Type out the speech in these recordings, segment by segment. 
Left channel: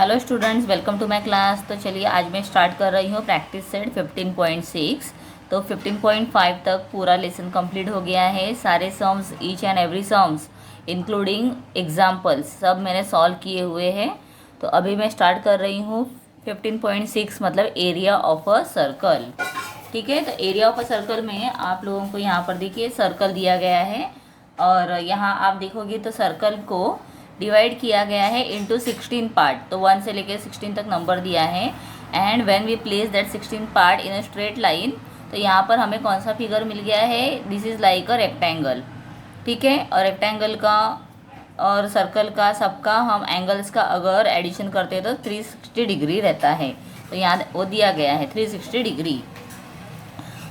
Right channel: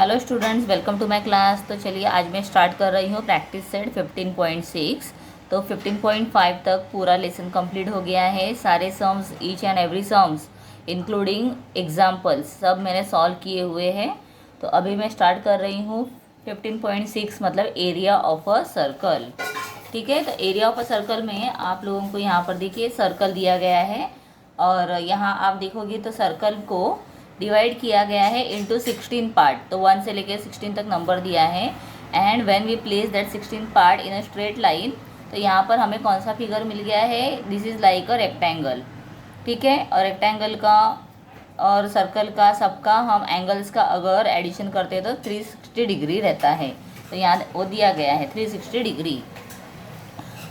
Hello students, welcome to my class. तो चलिए आज मैं स्टार्ट कर रही हूँ प्रैक्टिस सेट 15.6। तो 15.5 तक पूरा लेसन कंप्लीट हो गया है। सारे sums, each and every sums including examples सब मैंने सॉल्व किए हुए हैं। तो अभी मैं स्टार्ट कर रही हूँ 15.6 मतलब एरिया ऑफ अ सर्कल। ठीक है, तो एरिया ऑफ अ सर्कल में आप लोगों को यहाँ पर देखिए सर्कल दिया गया है और यहाँ आप देखोगे तो सर्कल को डिवाइड किया गया है इनटू 16 पार्ट। तो 1 से लेकर 16 तक नंबर दिया है and when we place that 16 part in a straight line, तो यहाँ पर हमें कौन सा फिगर मिल गया है? This is like a rectangle. ठीक है, और रेक्टेंगल का और सर्कल का सबका हम एंगल्स का अगर एडिशन करते हैं तो 360 डिग्री रहता है। तो यहाँ वो दिया गया है 360 डिग्री।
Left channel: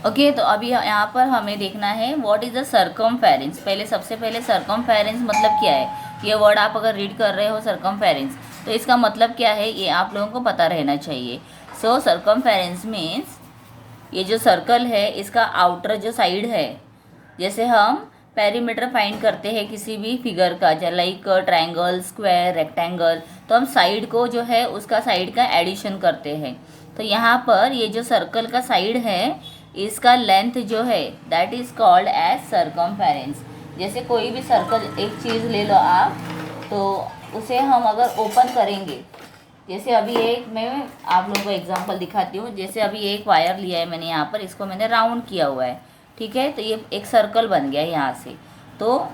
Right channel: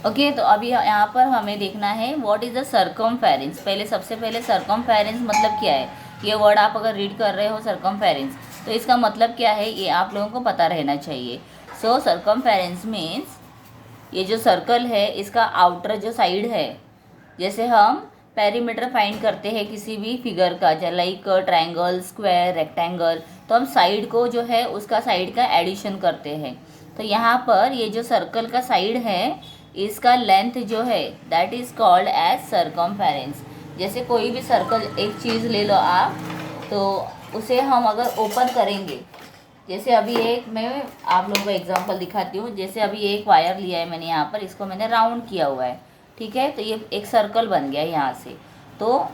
ओके, तो अभी यहाँ पर हमें देखना है व्हाट इज़ द सर्कमफेरेंस। सबसे पहले सर्कमफेरेंस मतलब क्या है? ये वर्ड आप अगर रीड कर रहे हो सर्कमफेरेंस, तो इसका मतलब क्या है ये आप लोगों को पता रहना चाहिए। सो सर्कमफेरेंस मीन्स ये जो सर्कल है इसका आउटर जो साइड है, जैसे हम पेरीमीटर फाइंड करते हैं किसी भी फिगर का, लाइक ट्रायंगल, स्क्वायर, रेक्टेंगल, तो हम साइड को जो है उसका साइड का एडिशन करते हैं। तो यहाँ पर ये जो सर्कल का साइड है इसका लेंथ जो है that is called as circumference. जैसे कोई भी सर्कल एक चीज़ ले लो आप, तो उसे हम अगर ओपन करेंगे, जैसे अभी एक मैं आप लोगों को एग्जांपल दिखाती हूँ। जैसे अभी एक वायर लिया है मैंने, यहाँ पर इसको मैंने राउंड किया हुआ है। ठीक है, तो ये एक सर्कल बन गया यहाँ से। तो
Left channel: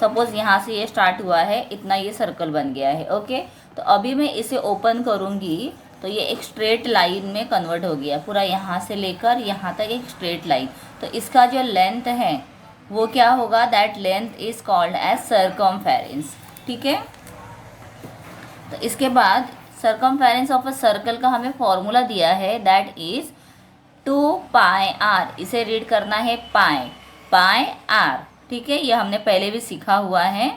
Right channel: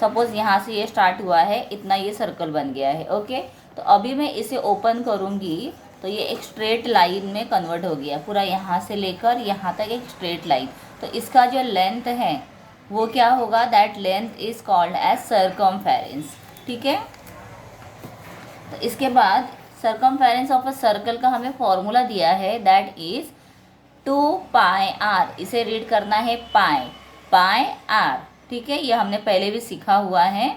सपोज़ यहाँ से ये स्टार्ट हुआ है, इतना ये सर्कल बन गया है। ओके, तो अभी मैं इसे ओपन करूँगी तो ये एक स्ट्रेट लाइन में कन्वर्ट हो गया, पूरा यहाँ से लेकर यहाँ तक एक स्ट्रेट लाइन। तो इसका जो लेंथ है वो क्या होगा? That length is called as circumference. ठीक है, तो इसके बाद सर्कमफेरेंस ऑफ अ सर्कल का हमें फॉर्मूला दिया है दैट इज 2πr। इसे रीड करना है पाई आर। ठीक है, ये हमने पहले भी सीखा हुआ है।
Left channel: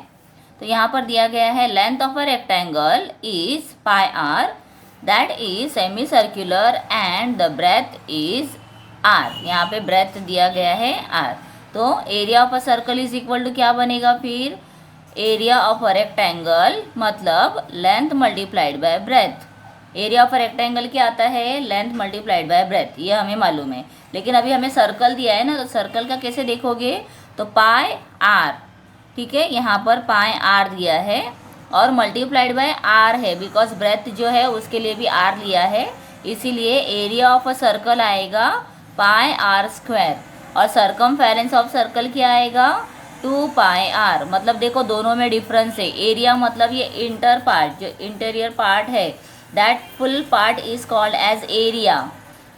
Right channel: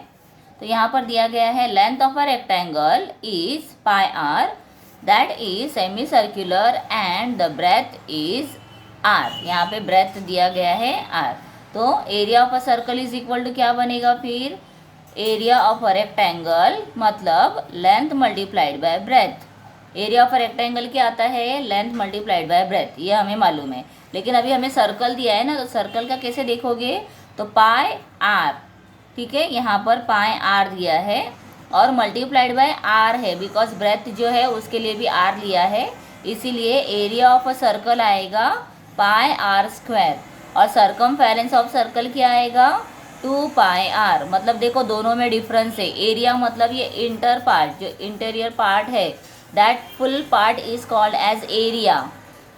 तो यहाँ पर दिया गया है length of a rectangle is pi r, that is semi circular and the breadth is r. यहाँ पे ब्रेथ दिया गया है आर। तो area of a circle is equal to क्या बनेगा फिर? एरिया ऑफ अ रेक्टेंगल मतलब length multiplied by breadth. Area of a rectangle क्या आता है? लेंथ मल्टीप्लाइड बाय ब्रेथ, ये हमें मालूम है। लेकिन अभी हमें सर्कल दिया है ना, तो सर्कल का कैसे देखोगे? तो पाई आर। ठीक है, यहाँ पर पाई आर दिया है और मल्टीप्लाइड बाय आर है, बिकॉज ब्रेथ जो है उसके लिए भी आर लिया है, इसीलिए एरिया ऑफ अ सर्कल आएगा पाई आर स्क्वायर। और सर्कमफेरेंस ऑफ सर्कल क्या आएगा? 2πr। मतलब देखो दोनों में डिफरेंस है। एरिया मतलब ये इंटर पार्ट, जो इंटीरियर पार्ट है, that full part is called as area.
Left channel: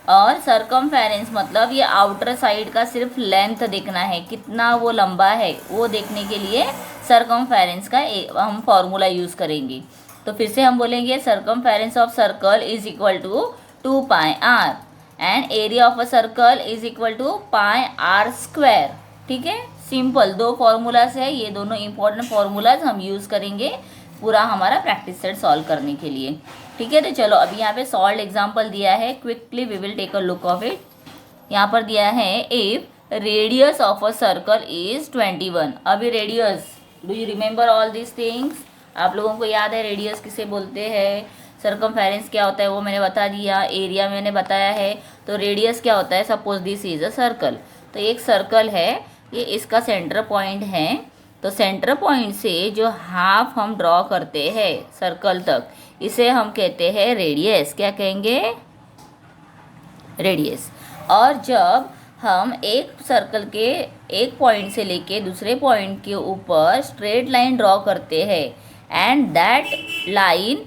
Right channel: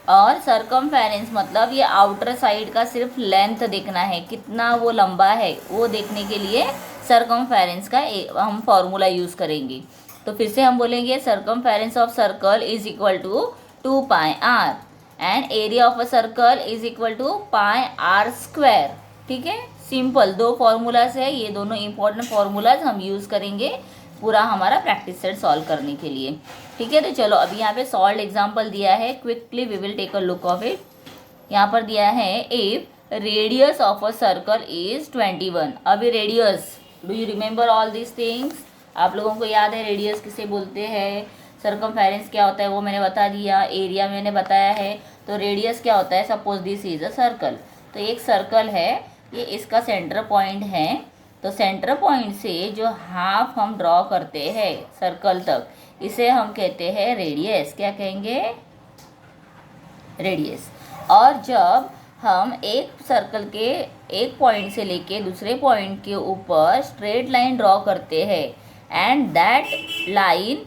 और सर्कमफेरेंस मतलब ये आउटर साइड का सिर्फ लेंथ देखना है, कितना वो लंबा है वो देखने के लिए सर्कमफेरेंस का हम फॉर्मूला यूज़ करेंगे। तो फिर से हम बोलेंगे circumference of circle is equal to 2πr and area of a circle is equal to pi r square. ठीक है, सिंपल दो फॉर्मूलाज है, ये दोनों इंपॉर्टेंट फॉर्मूलाज हम यूज़ करेंगे पूरा हमारा प्रैक्टिस सेट सॉल्व करने के लिए। ठीक है, तो चलो अभी यहाँ पे सॉल्व एग्जांपल दिया है, quickly we will take a look of it. यहाँ पर दिया है if radius of a circle is 21। अभी radius, do you remember all this things? आप लोगों को याद है रेडियस किसे बोलते हैं? सर्कमफेरेंस क्या होता है वो मैंने बता दिया, एरिया मैंने बताया है। तो रेडियस क्या होता है? Suppose this is a circle. तो एक सर्कल है, ये इसका सेंटर पॉइंट है। तो सेंटर पॉइंट से जो हाफ हम ड्रॉ करते हैं सर्कल तक, इसे हम कहते हैं रेडियस। क्या कहेंगे? रेडियस। और जब हम एक सर्कल के एक पॉइंट से लेके दूसरे पॉइंट के ऊपर स्ट्रेट लाइन ड्रॉ करते हैं and that line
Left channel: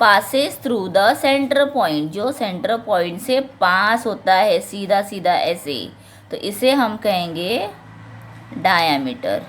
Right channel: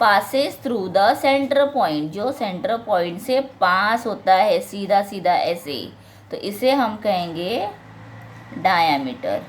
passes through the centre point, जो सेंटर पॉइंट से पास होता है सीधा सीधा ऐसे, तो इसे हम कहेंगे डायामीटर।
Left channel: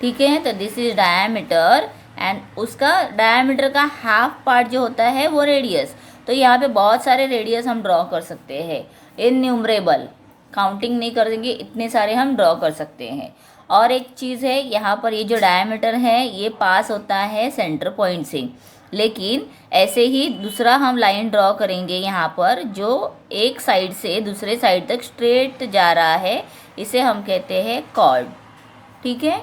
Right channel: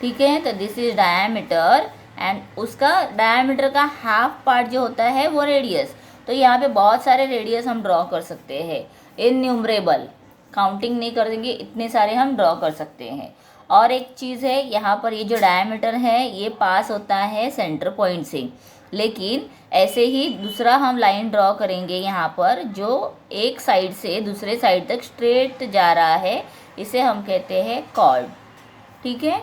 ठीक है, तो दिस इज डायामीटर एंड उसका डायामीटर का हाफ पार्ट जो होता है वो रेडियस। तो यहाँ पे बहुत सारे रेडियस हम ड्रॉ कर सकते हैं, इनन्यूमरेबल, काउंटिंग नहीं करेंगे, इतने सारे हम ड्रॉ कर सकते हैं। और एक चीज़ है, यहाँ पर ये जो डायामीटर है ये पास होता है सेंटर पॉइंट से, लेकिन ऐसे ही दूसरा हम लाइन ड्रॉ करेंगे यहाँ पर जो एक साइड से दूसरे साइड तक स्ट्रेट जा रहा है, इसे हम कहते हैं कॉर्ड। ठीक है,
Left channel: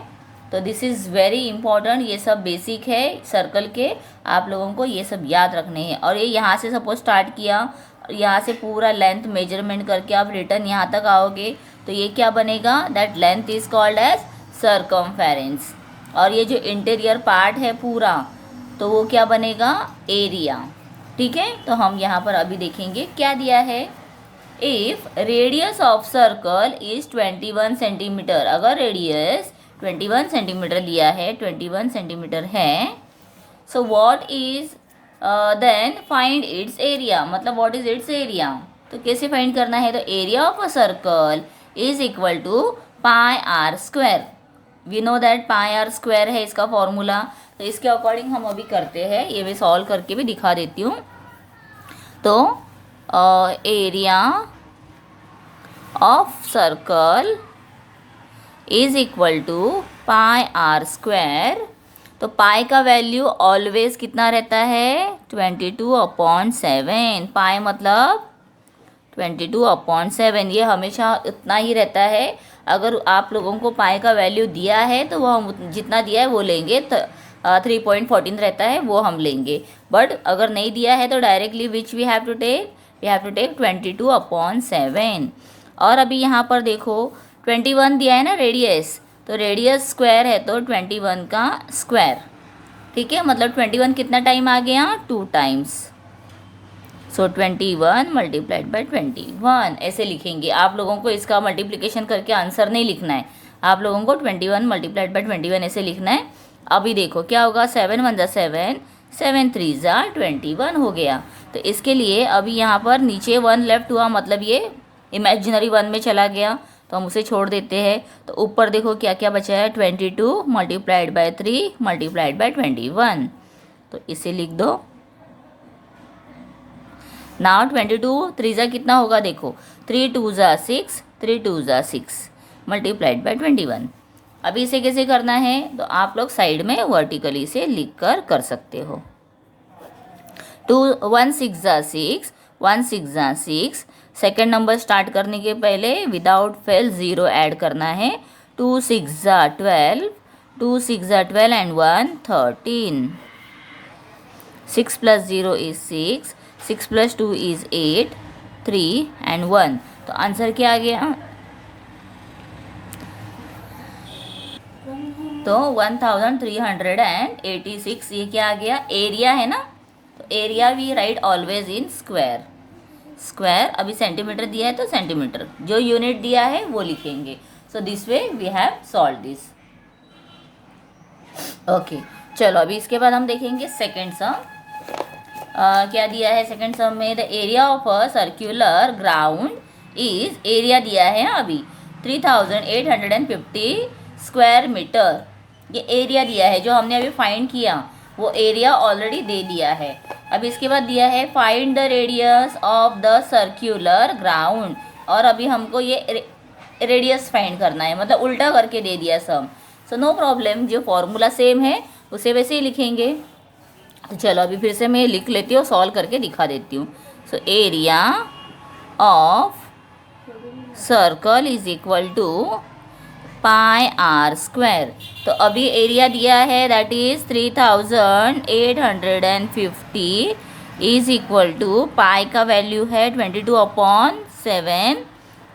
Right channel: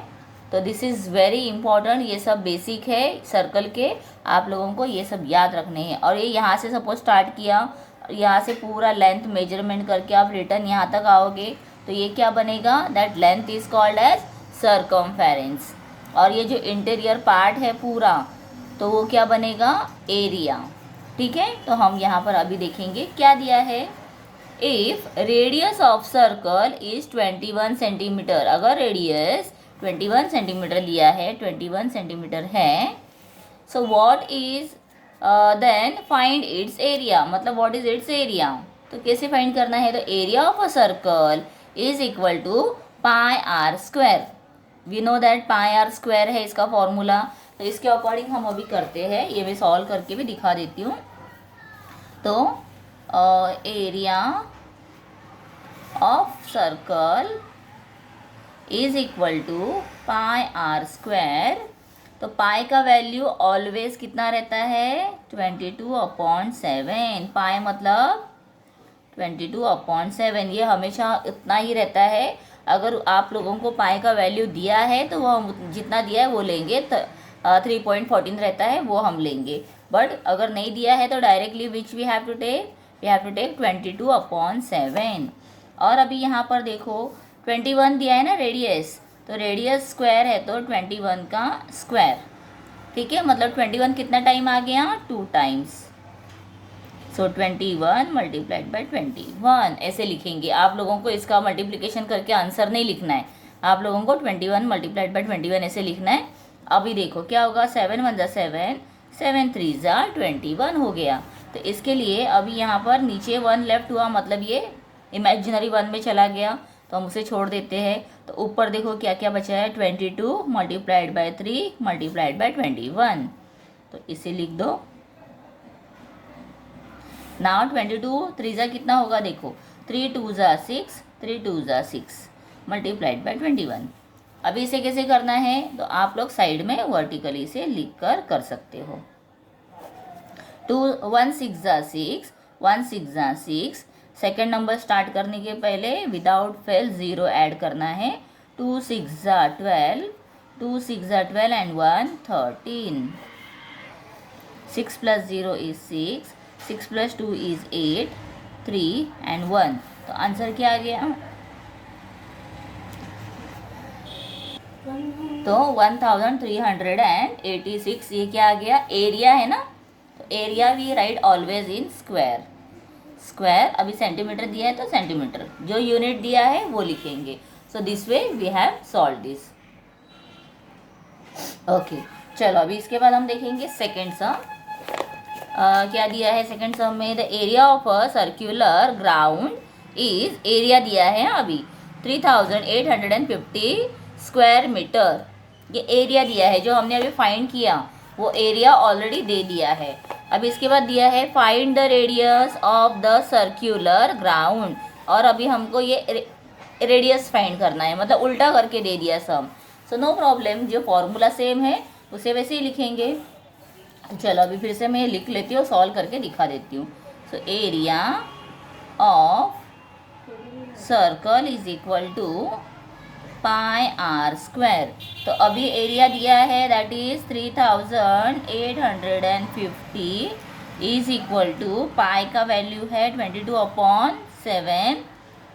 तो दिस इज़ वेरी इंपॉर्टेंट, ये सब बेसिक है सर्कल के। आप लोगों को ये सब याद रखने हैं। और ये यहाँ से सपोज स्टार्ट किया, यहाँ से पूरा लेंथ मेजरमेंट करके आप रिटर्न यहाँ तक आओगे तो ये क्या बनेगा, that length is called as circumference. और ये जो इंटीरियर पार्ट है पूरा, तो वो क्या बनेगा, एरिया। ठीक है, तो हम यहाँ पर अभी देखेंगे क्या दिया है। If radius of circle is 21 centimeter, अगर रेडियस 21 सेंटीमीटर दिया है, 21 सेंटीमीटर है, so what is then find its area, मतलब व्हाट इज इट्स एरिया। तो कैसे फाइंड करना है, तो area of a circle is equal to pi r square. We know that pi r square है इसका फॉर्मूला। तो इसके अकॉर्डिंग हम अभी करते हैं, ये मैं सॉल्व करके भी दिखा देती हूँ। तो area of circle is equal to pi r square. तो पाई का वैल्यू ऑलवेज कितना रहता है, 22/7। पाई मतलब 22/7, ये हमेशा इतना ही रहता है। अगर आप लोगों को पाई का वैल्यू दिया है तो वो हम जितना दिया है वो लेंगे, 3.14 रहता है वो हम लेंगे। बट अगर नहीं दिया है तो directly which we have to take 22/7। और अभी यहाँ पर देखो 21 दिया है ना रेडियस, तो रेडियस स्क्वायर है तो 21 का स्क्वायर। ठीक है, मतलब 21 कितना टाइम आ गया, 2 टाइम्स। सो 21 मल्टीप्लाइड बाई 21 ऐसे लिखेंगे। आप लोगों को इसका मल्टीप्लिकेशन करके आंसर नहीं लिखना है, आप लोगों को 21 मल्टीप्लाइड बाई 21 ऐसे लिखना है। अभी देखो क्या होगा, 7 1 7, 7 3 21 हो गया। तो इसके लिए अभी यहाँ पर नीचे 1 लेफ्ट हुआ, मतलब ये इमेजिनरी 1 में चला गया, तो हम उसे छोड़ देते हैं। तो ऊपर देखो क्या क्या बचा है, 22 मल्टीप्लाइड बाई 3 मल्टीप्लाइड बाई 21। तो इसे लिख दो। नाउ 22 3 कितना होगा, देखो 3 2 6, 3 2 6 मल्टीप्लाइड बाई 21। अभी इसे कैसे करना है, तो आप लोग साइड में वर्टिकली से लिख कर सकते हो। 1 6 6, 1 6 6। सेकेंड नंबर स्टार्ट करने के पहले विदाउट फेल 0 ऐड करना है। 2 6 12, 2 6 12 and 1 13। 6 plus 0 is 6, 6 plus 2 is 8, 3 and 1। तो आंसर क्या आ गया, तो 1386। ये क्या आ गया, एरिया है ना। तो area we write always in square. Square अभी सेंटीमीटर दिया है तो सेंटीमीटर, जो यूनिट दिया है वो लिखेंगे। So this way we have solve this. Okay, चलो अभी इसके बाद हम देखेंगे सेकेंड सम। क्या दिया है सेकेंड सम में, the area of a circular ground is, area दिया है अभी 3850 स्क्वायर मीटर। ये एरिया दिया है, जो हमने अभी फाइंड किया वो एरिया ऑलरेडी दे दिया है। अब इसके बाद दिया है find the radius of the circular ground, और अभी हमको ये रेडियस फाइंड करना है, मतलब उल्टा करके दे दिया सम। सो नो प्रॉब्लम, जो फॉर्मूला सेम है उसे वैसे ही लिखेंगे। तो चलो अभी फिर से मैं लिख लेती हूँ, सॉल्व करके दिखा देती हूँ। So area of circle is equal to pi r square. तो अभी एरिया दिया है that is 3850 is equal to pi का वैल्यू है 22/7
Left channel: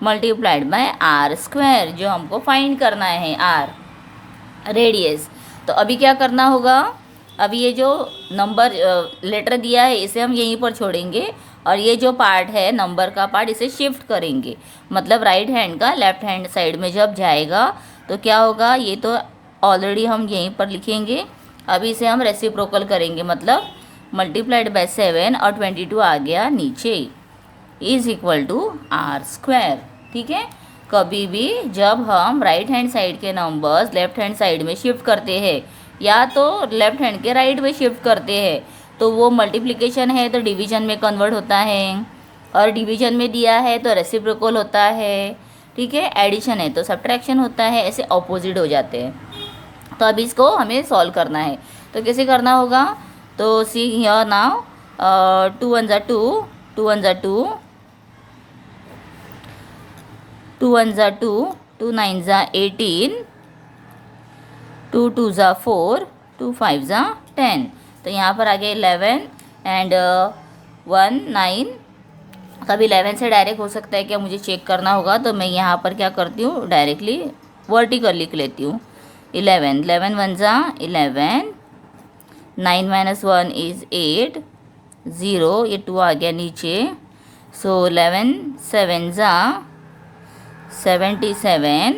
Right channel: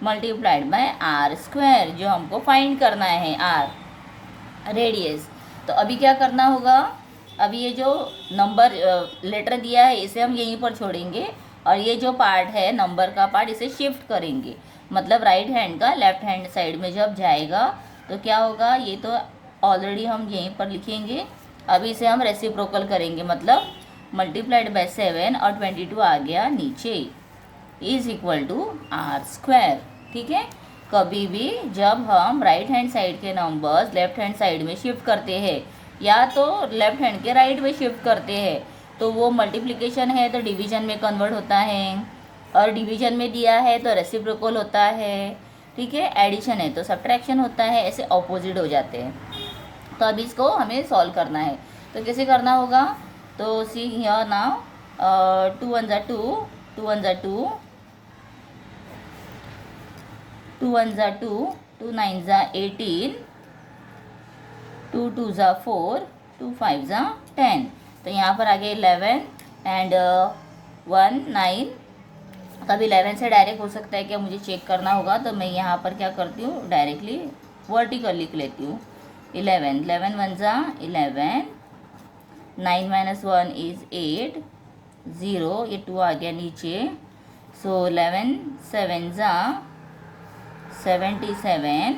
मल्टीप्लाइड बाय आर स्क्वायर, जो हमको फाइंड करना है आर रेडियस। तो अभी क्या करना होगा, अभी ये जो नंबर लेटर दिया है इसे हम यहीं पर छोड़ेंगे, और ये जो पार्ट है नंबर का पार्ट इसे शिफ्ट करेंगे, मतलब राइट हैंड का लेफ्ट हैंड साइड में जब जाएगा तो क्या होगा, ये तो ऑलरेडी हम यहीं पर लिखेंगे। अभी इसे हम रेसिप्रोकल करेंगे, मतलब मल्टीप्लाइड बाय 7 और 22 आ गया नीचे, is equal to r square. ठीक है, कभी भी जब हम राइट हैंड साइड के नंबर्स लेफ्ट हैंड साइड में शिफ्ट करते हैं या तो लेफ्ट हैंड के राइट में शिफ्ट करते हैं तो वो मल्टीप्लिकेशन है तो डिवीजन में कन्वर्ट होता है, और डिवीजन में दिया है तो रेसिप्रोकल होता है। ठीक है, एडिशन है तो सब्ट्रैक्शन होता है, ऐसे ऑपोजिट हो जाते हैं। तो अब इसको हमें सॉल्व करना है, तो कैसे करना होगा, तो सी हियर नाउ 2 1 2, 2 1 2, 2 1 2, 2 9 18, 2 2 4, 2 5 10। तो यहाँ पर आ गया 11 एंड 1 9। अब 11 से डायरेक्ट हो सकता है क्या, मुझे चेक करना होगा, तो मैं यहाँ पर क्या करती हूँ, डायरेक्टली वर्टिकल लिख लेती हूँ। 11 11 1 जा 11, 9 माइनस 1 इज़ 8, 0 ये 2 आ गया नीचे। सो 11 7 जा 77,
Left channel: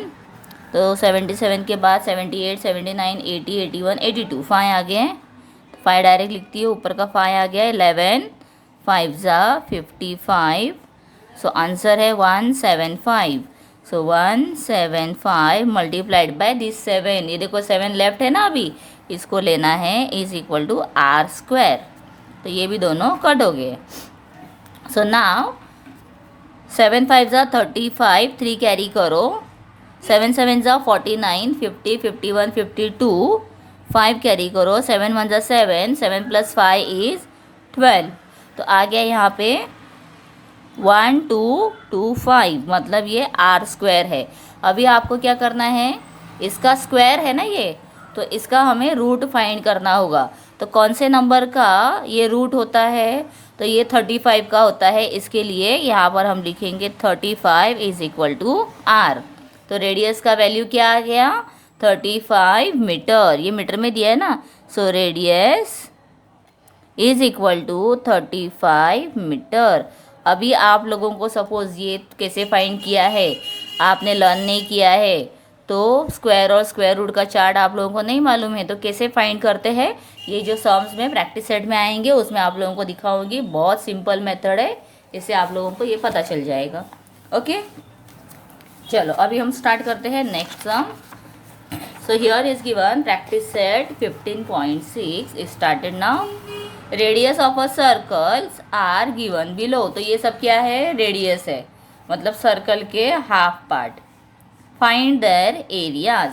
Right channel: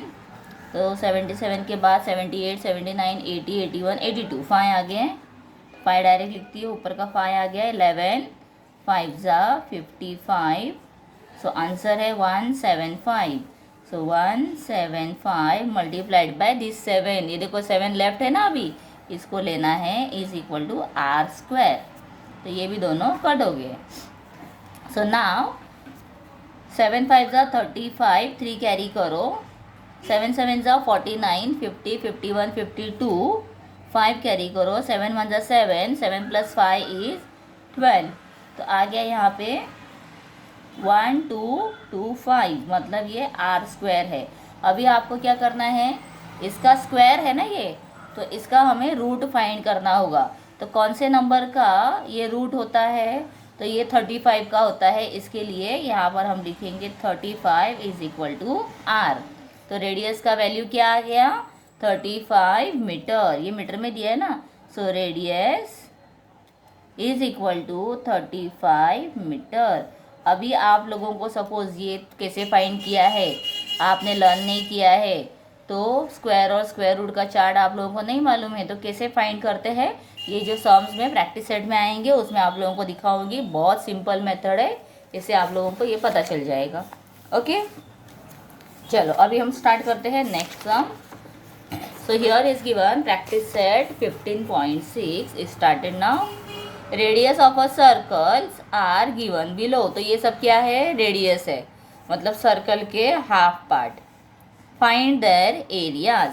तो 77 के बाद 78 79 80 81 82 5 आ गए। 5 डायरेक्ट लिखती है, ऊपर का 5 आ गया। 11 5 जा 55, सो आंसर है 175। सो 175 मल्टीप्लाइड बाय दिस 7, ये देखो 7 लेफ्ट है ना, अभी इसको लेना है, is equal to r square. तो ये भी दोनों कट हो गए। सो नाउ 7 5 जा 35, 3 कैरी करो, 7 7 जा 49 50 51 52, 5 कैरी करो, 7 1 जा 7, 7 प्लस 5 इज 12। तो आ गया यहाँ पे 1225, मतलब ये आर स्क्वायर है। अभी आपको क्या करना है, इसका स्क्वायर है ना ये, तो इसका हमें रूट फाइंड करना होगा। तो कौन से नंबर का ये रूट होता है, तो ये 35 का होता है। इसके लिए यहाँ पर हम लिखेंगे 35 इज इक्वल टू आर। तो रेडियस का वैल्यू क्या आ गया, 35 मीटर, ये मीटर में दिया है ना। So radius is equal to 35 meter. अभी आप लोगों को सपोज ये कैसे फाइंड किया है, आपने लर्न नहीं किया है, तो स्क्वायर और स्क्वायर रूट का चार्ट आप लोगों को नहीं मालूम है, तो कैसे फाइंड करते हैं, ये जो सम्स में प्रैक्टिस सेट में आएंगे उसमें आप लोगों को दिखाऊंगी। बहुत सिंपल मेथड है, इससे आप लोगों को ये पता चल जाएगा। ओके, चलो अभी हम स्टार्ट करते हैं next sum. So here is given practice set 15.6 started now. Radius of a circles are given below. तो ये सब क्या है, रेडियस है, मतलब सर्कल के half part. Find there areas.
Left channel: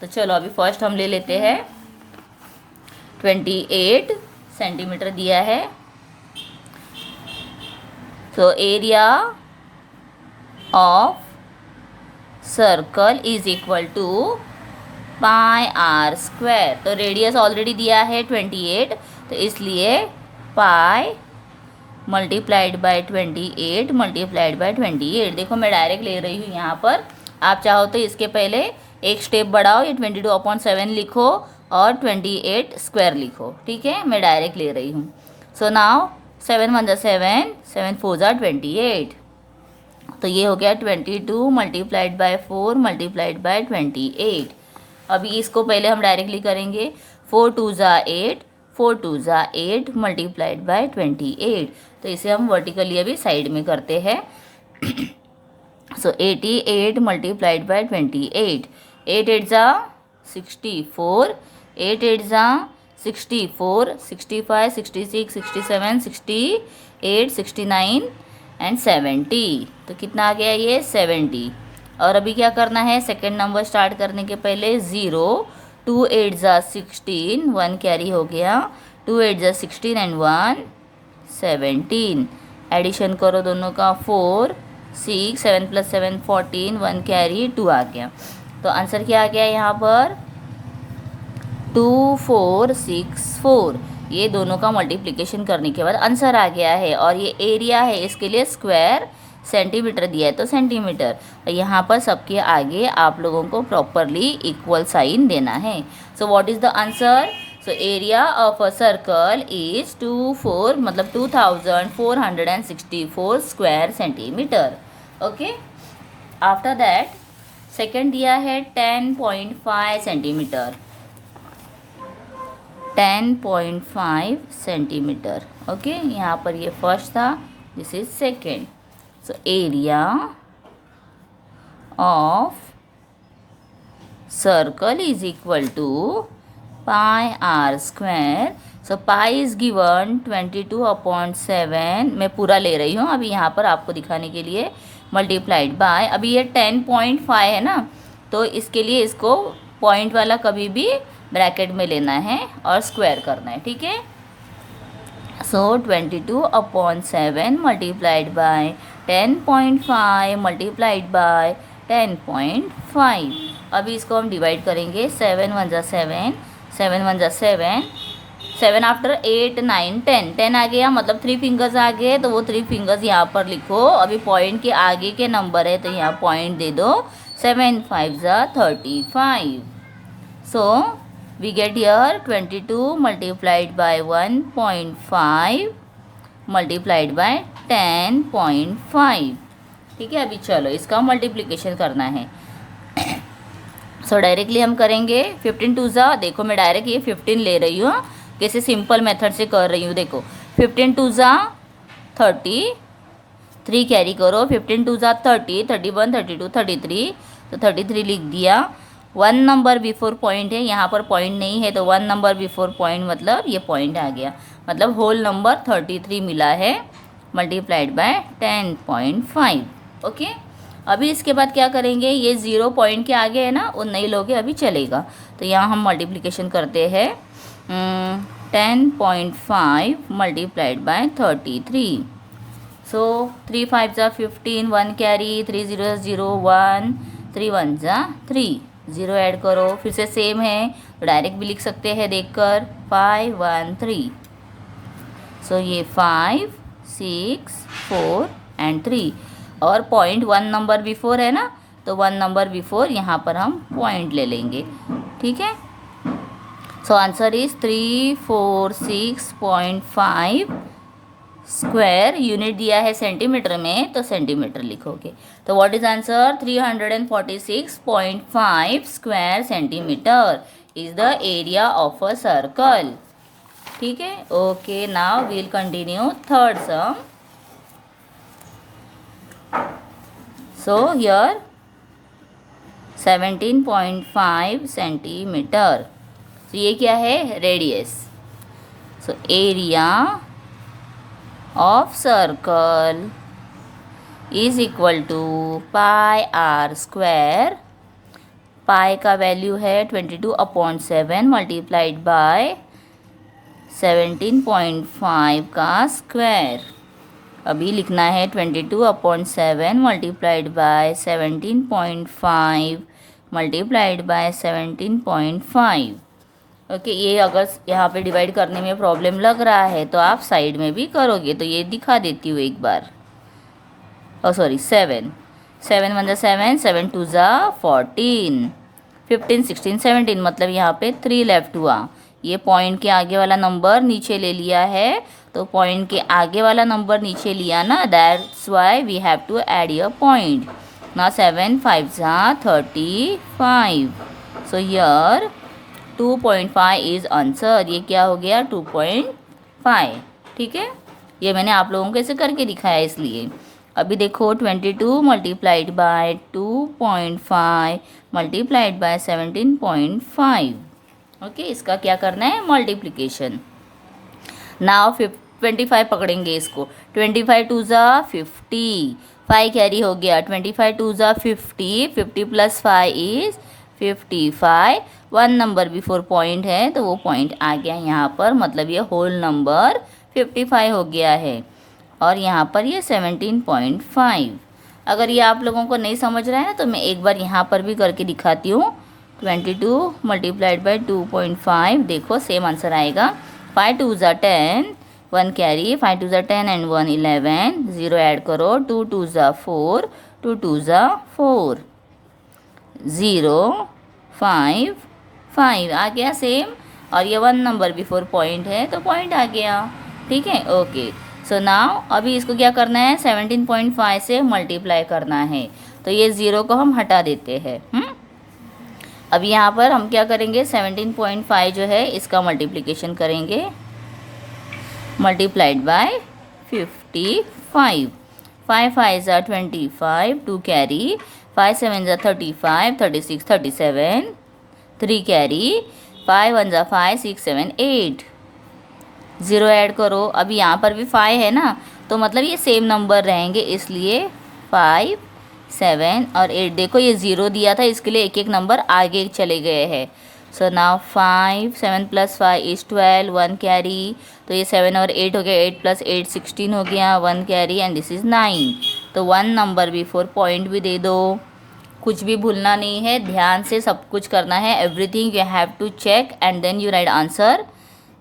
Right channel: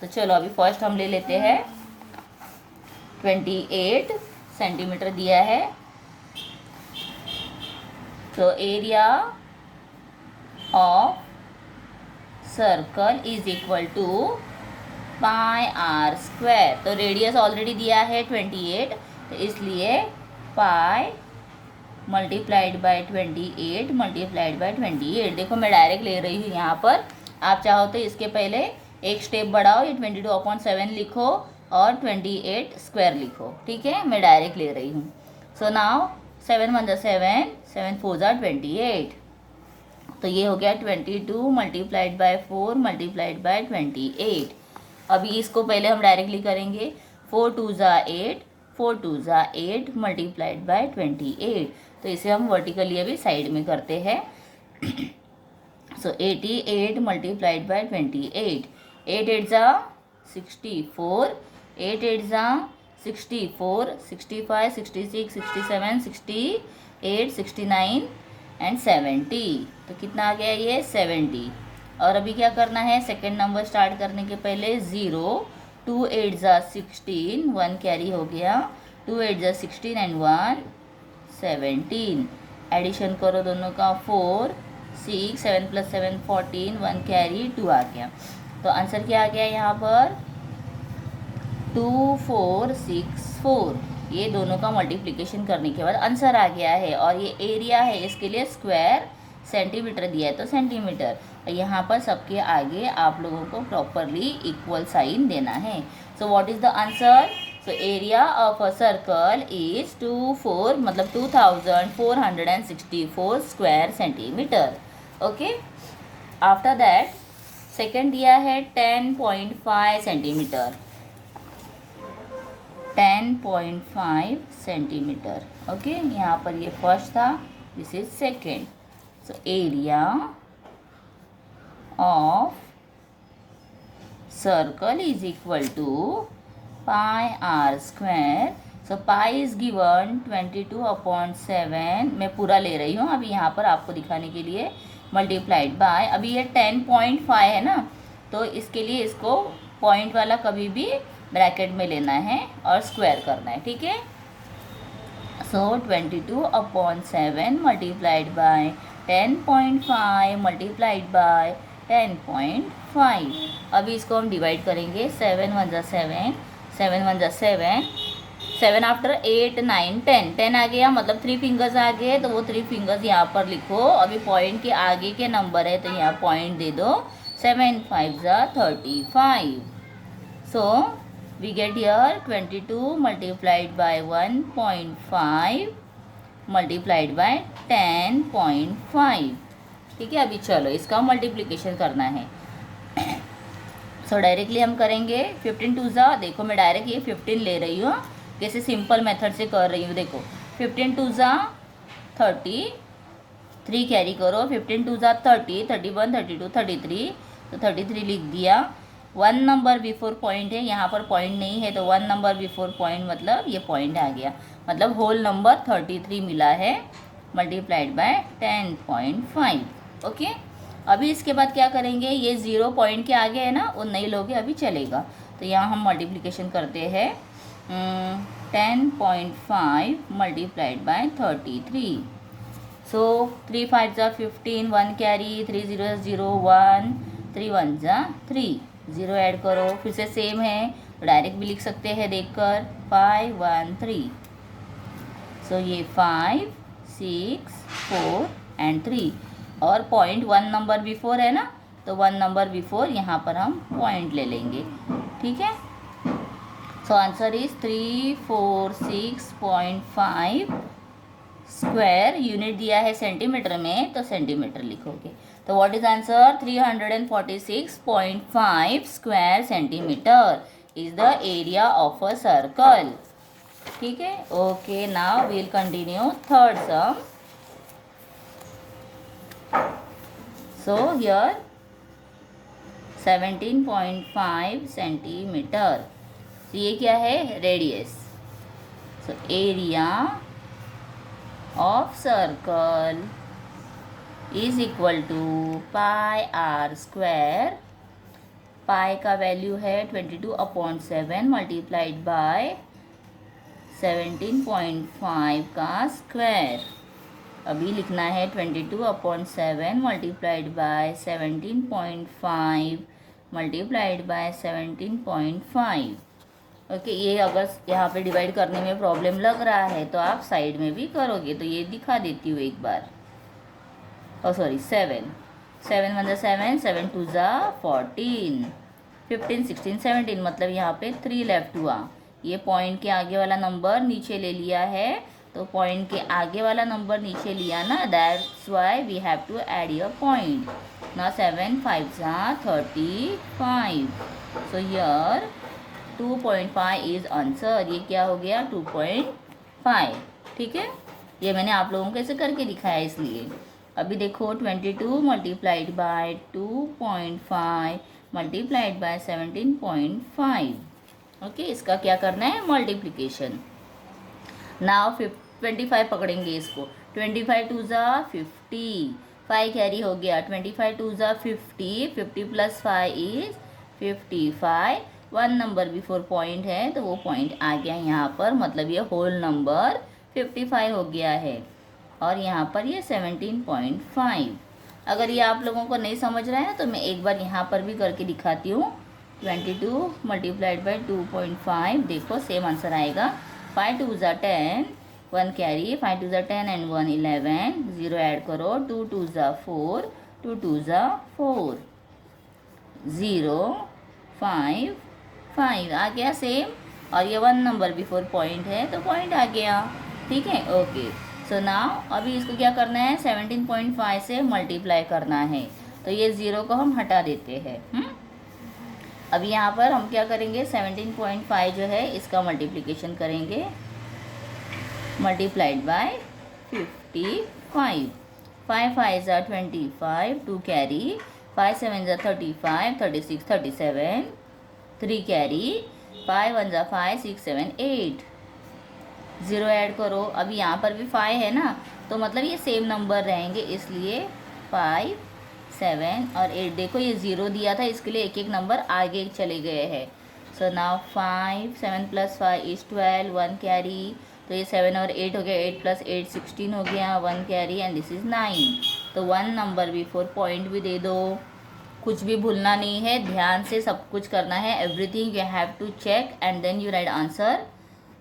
तो चलो अभी फर्स्ट हम ले लेते हैं, 28 सेंटीमीटर दिया है। तो area of circle is equal to pi r square. तो रेडियस ऑलरेडी दिया है 28, तो इसलिए pi multiplied by 28 multiplied by 28। देखो मैं डायरेक्ट ले रही हूँ यहाँ पर, आप चाहो तो इसके पहले एक स्टेप बढ़ाओ, ये 22/7 लिखो और 28 स्क्वायर लिखो, ठीक है। मैं डायरेक्ट ले रही हूँ। सो नाउ 7 1 जा 7, 7 4 जा 28, तो ये हो गया 22 मल्टीप्लाइड बाय 4 मल्टीप्लाइड बाय 28। अभी इसको पहले हम डायरेक्टली करेंगे, 4 2 जा 8, 4 2 जा 8 मल्टीप्लाइड बाय 28। तो इसे हम वर्टिकली अभी साइड में करते हैं। सो 88 मल्टीप्लाइड बाय 28, 8 8 जा 64, 8 8 जा 64, 65 66 67 68 69 एंड 70। तो कितना आ गया ये 70। और अभी क्या करना है, सेकेंड नंबर स्टार्ट करने के पहले 0, 2 8 जा 16, 1 कैरी हो गया, 2 8 जा 16 एंड 1 17। एडिशन करो दोनों का, 4 6 7 प्लस 7 14, 1 कैरी 2 आ गया। तो आंसर क्या आ गया यहाँ पर 2464। ये दोनों का मल्टीप्लिकेशन करने के बाद आंसर आ गया है। और ये एरिया है, इसके लिए स्क्वायर सेंटीमीटर दिया है तो सेंटीमीटर। और यहाँ पर सबके आगे आप लोगों को प्रॉपरली इक्वल साइन देना है। So what is the answer, so area of a circle is 24 मतलब 2464 square centimeter. Okay, after that second दिया है 10.5 सेंटीमीटर, 10.5 सेंटीमीटर। ओके, यहाँ पर ये फर्स्ट था, this is second. So area of circle is equal to pi r square. So pi is given 22/7, मैं पूरा ले रही हूँ अभी यहाँ पर आपको दिखाने के लिए, मल्टीप्लाइड बाय, अभी ये 10.5 है ना, तो इसके लिए इसको पॉइंट वाला कभी भी ब्रैकेट में लेना है और स्क्वायर करना है, ठीक है। सो 22/7 मल्टीप्लाइड बाय 10.5 मल्टीप्लाइड बाय 10.5। अभी इसको हम डिवाइड करेंगे, 7 1 जा 7, 7 1 जा 7, 7 आफ्टर 8 9 10 10 आ गया, मतलब 3 फिंगर्स आ गए, तो वो 3 फिंगर्स यहाँ पर लिखो। अभी पॉइंट के आगे के नंबर है तो यहाँ पॉइंट दे दो। 7 5 35। So we get here 22 multiplied by 1.5 multiplied by 10.5। ठीक है, अभी चलो इसका मल्टीप्लिकेशन करना है। सो डायरेक्टली हम करेंगे 15 टू ज़ा, देखो मैं डायरेक्ट ये 15 ले रही हूँ, कैसे सिंपल मेथड से कर रही हूँ। देखो 15 टू ज़ा 30, 3 कैरी करो, 15 टू ज़ा 30, 31 32 33, तो 33 लिख दिया। 1 नंबर बिफोर पॉइंट है, यहाँ पर पॉइंट नहीं है तो 1 नंबर बिफोर पॉइंट मतलब ये पॉइंट आ गया, मतलब होल नंबर 33 मिला है मल्टीप्लाइड बाय 10.5। ओके, अभी इसके बाद क्या करेंगे, ये 0 पॉइंट के आगे है ना, वो नहीं लोगे अभी चलेगा। तो यहाँ हम मल्टीप्लिकेशन करते हैं 10.5 मल्टीप्लाइड बाय 33। सो 3 5 ज़ा 15, 1 कैरी, 3 0 0 1, 3 1 ज़ा 3, 0 ऐड करो, फिर से सेम है तो डायरेक्ट भी लिख सकते हैं देखकर 5 1 3। सो ये 5 6 4 एंड 3, और पॉइंट 1 नंबर बिफोर है ना, तो 1 नंबर बिफोर यहाँ पर हम पॉइंट ले लेंगे। ठीक है, so answer is 346.5 square. Unit दिया है सेंटीमीटर में तो सेंटीमीटर लिखोगे। तो what is answer, 346.5 square centimetre is the area of a circle. ठीक है, okay, now we'll continue third sum. So here 17.5 centimetre. तो ये क्या है, radius. So area of circle is equal to pi r square. Pi का value है 22/7 multiplied bye 17.5 का square. अभी लिखना है 22/7 multiplied bye 17.5 multiplied by 17.5। Okay, ये अगर यहाँ पे डिवाइड करने में प्रॉब्लम लग रहा है तो आप साइड में भी करोगे, तो ये दिखा देती हूँ एक बार। सॉरी 7 7 1 7, 7 2 14, 15 16 17, मतलब यहाँ पे 3 लेफ्ट हुआ। ये पॉइंट के आगे वाला नंबर नीचे ले लिया है, तो पॉइंट के आगे वाला नंबर नीचे लिया ना, that's why we have to add your point. ना 7 5 35। So here 2.5 is answer. ये क्या हो गया, 2.5। ठीक है, ये मैंने आप लोगों को ऐसे करके दिखाया इसलिए। अभी देखो 22 multiplied bye 2.5 multiplied by 17.5। Okay, इसका क्या करना है, मल्टीप्लिकेशन। नाउ 25 पकड़ेंगे इसको। 25 2 50, 5 कैरी हो गया, 25 2 50, 50 plus 5 is 55। 1 number before point है तो वो पॉइंट आ गया यहाँ पर, मतलब ये होल नंबर 55 हो गया है, और यहाँ पर ये 17.5। अगर ये आप लोगों को नहीं समझ रहा है ना, तो मैं एक बार यहाँ पर भी करके दिखाती हूँ। 22 मल्टीप्लाइड बाई 2.5, देखो सेम आंसर आएगा। 5 2 10, 1 कैरी, 5 2 10 एंड 1 11, 0 ऐड करो, 2 2 4, 2 2 4, 0 5 5 आ गया सेम, और ये 1 नंबर बिफोर पॉइंट है तो पॉइंट आ गया। ठीक है, ओके। सो नाउ अभी इसको क्या करना है, 17.5 से मल्टीप्लाई करना है, तो ये 0 को हम हटा देते हैं। अभी यहाँ पर हम क्या करेंगे, 17.5 जो है इसका मल्टीप्लिकेशन करेंगे, मल्टीप्लाइड बाय 55। 5 5 ज़ा 25, 2 कैरी, 5 7 ज़ा 35, 36 37, 3 कैरी, 5 1 ज़ा 5 6 7 8, 0 ऐड करो। अभी यहाँ पर भी 5 है ना, तो मतलब ये सेम नंबर रहेंगे, इसलिए 5 7 और 8। देखो ये 0 दिया था, इसके लिए एक एक नंबर आगे चले गए हैं। So now 5 7 plus 5 is 12, 1 carry, तो ये 7 और 8 हो गया, 8 प्लस 8 16 हो गया, 1 कैरी एंड दिस इज़ 9। तो 1 नंबर बिफोर पॉइंट भी दे दो, कुछ भी भूलना नहीं है, ध्यान से सब कुछ करना है। Everything you have to check and then you write answer.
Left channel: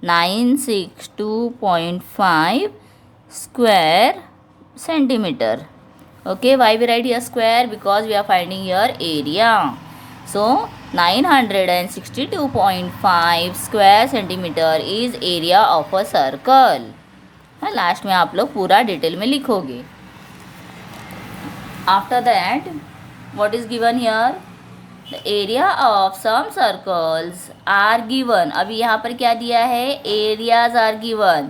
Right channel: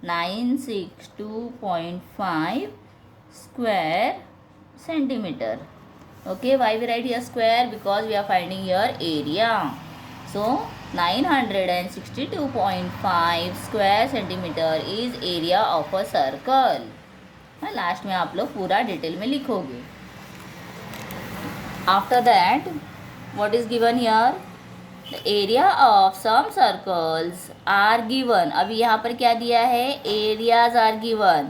962.5 square centimeter. Okay, why we write here square? Because we are finding here area. So 962.5 square centimeter is area of a circle. Last में आप लोग पूरा detail में लिखोगे. After that, what is given here? The area of some circles are given. अभी यहाँ पर क्या दिया है? Areas are given.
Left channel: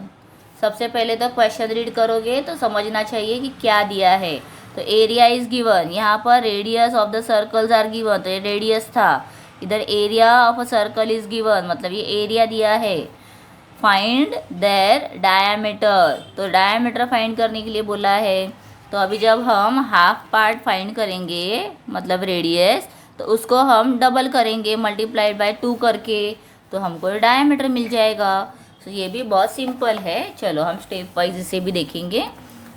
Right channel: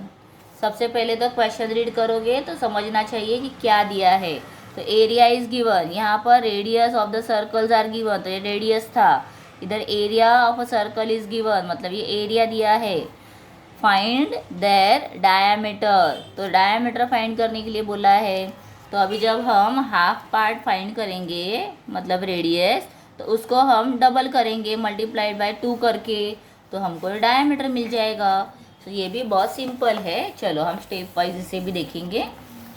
सबसे पहले तो क्वेश्चन रीड करोगे तो समझना चाहिए कि क्या दिया है. तो एरिया इज गिवन. यहाँ पर radius of the circles are given, तो ये रेडियस था. इधर area of a circle is given, मतलब ये एरिया दिया है. फाइंड देयर डायामीटर, तो डायामीटर फाइंड करने के लिए बोला है. तो अभी जब हम हाफ पार्ट फाइंड करेंगे, मतलब रेडियस, तो उसको हम डबल करेंगे मल्टीप्लाइड बाय 2 करके, तो हमको डायामीटर मिल जाएगा. तो ये भी बहुत सिंपल है. चलो हम स्टेप वाइज इसे भी देखेंगे.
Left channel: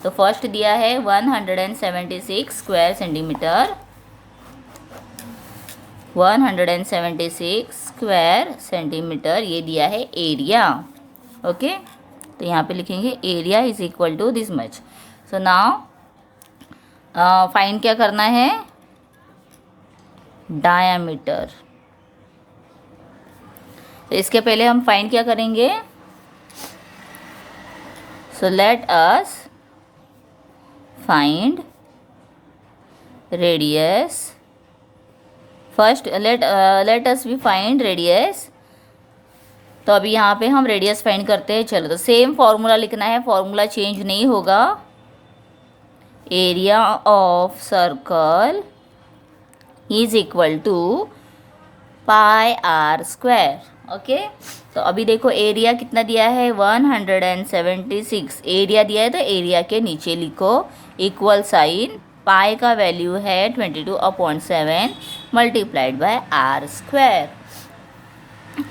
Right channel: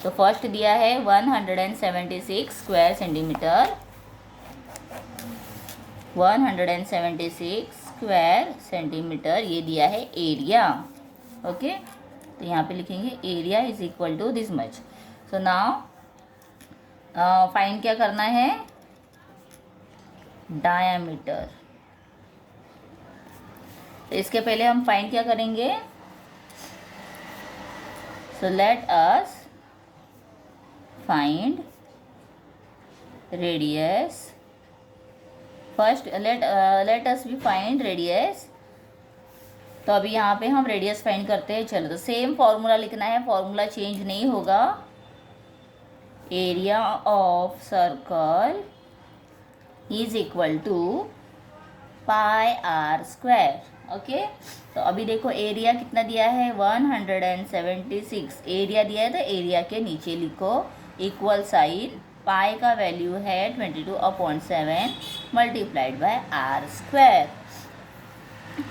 तो फर्स्ट दिया है 176 स्क्वायर सेंटीमीटर. 176 स्क्वायर सेंटीमीटर ये दिया है एरिया. ओके, तो यहाँ पे लिखेंगे area is equal to this much. So now find क्या करना है? डायामीटर. तो इसके पहले हम फाइंड क्या करेंगे? So let us find radius. First let us we find radius. तो अभी यहाँ पे हम रेडियस फाइंड करते हैं. चलो, तो सेम फॉर्मूला लिखना है, फॉर्मूला चेंज नहीं होगा. Area of circle is equal to pi r square. Okay, तो अभी देखो एरिया कितना दिया है? 176. एरिया दिया है तो एरिया के नीचे लिखो इक्वल साइन. पाई का वैल्यू है 22/7 मल्टीप्लाइड बाय आर स्क्वायर.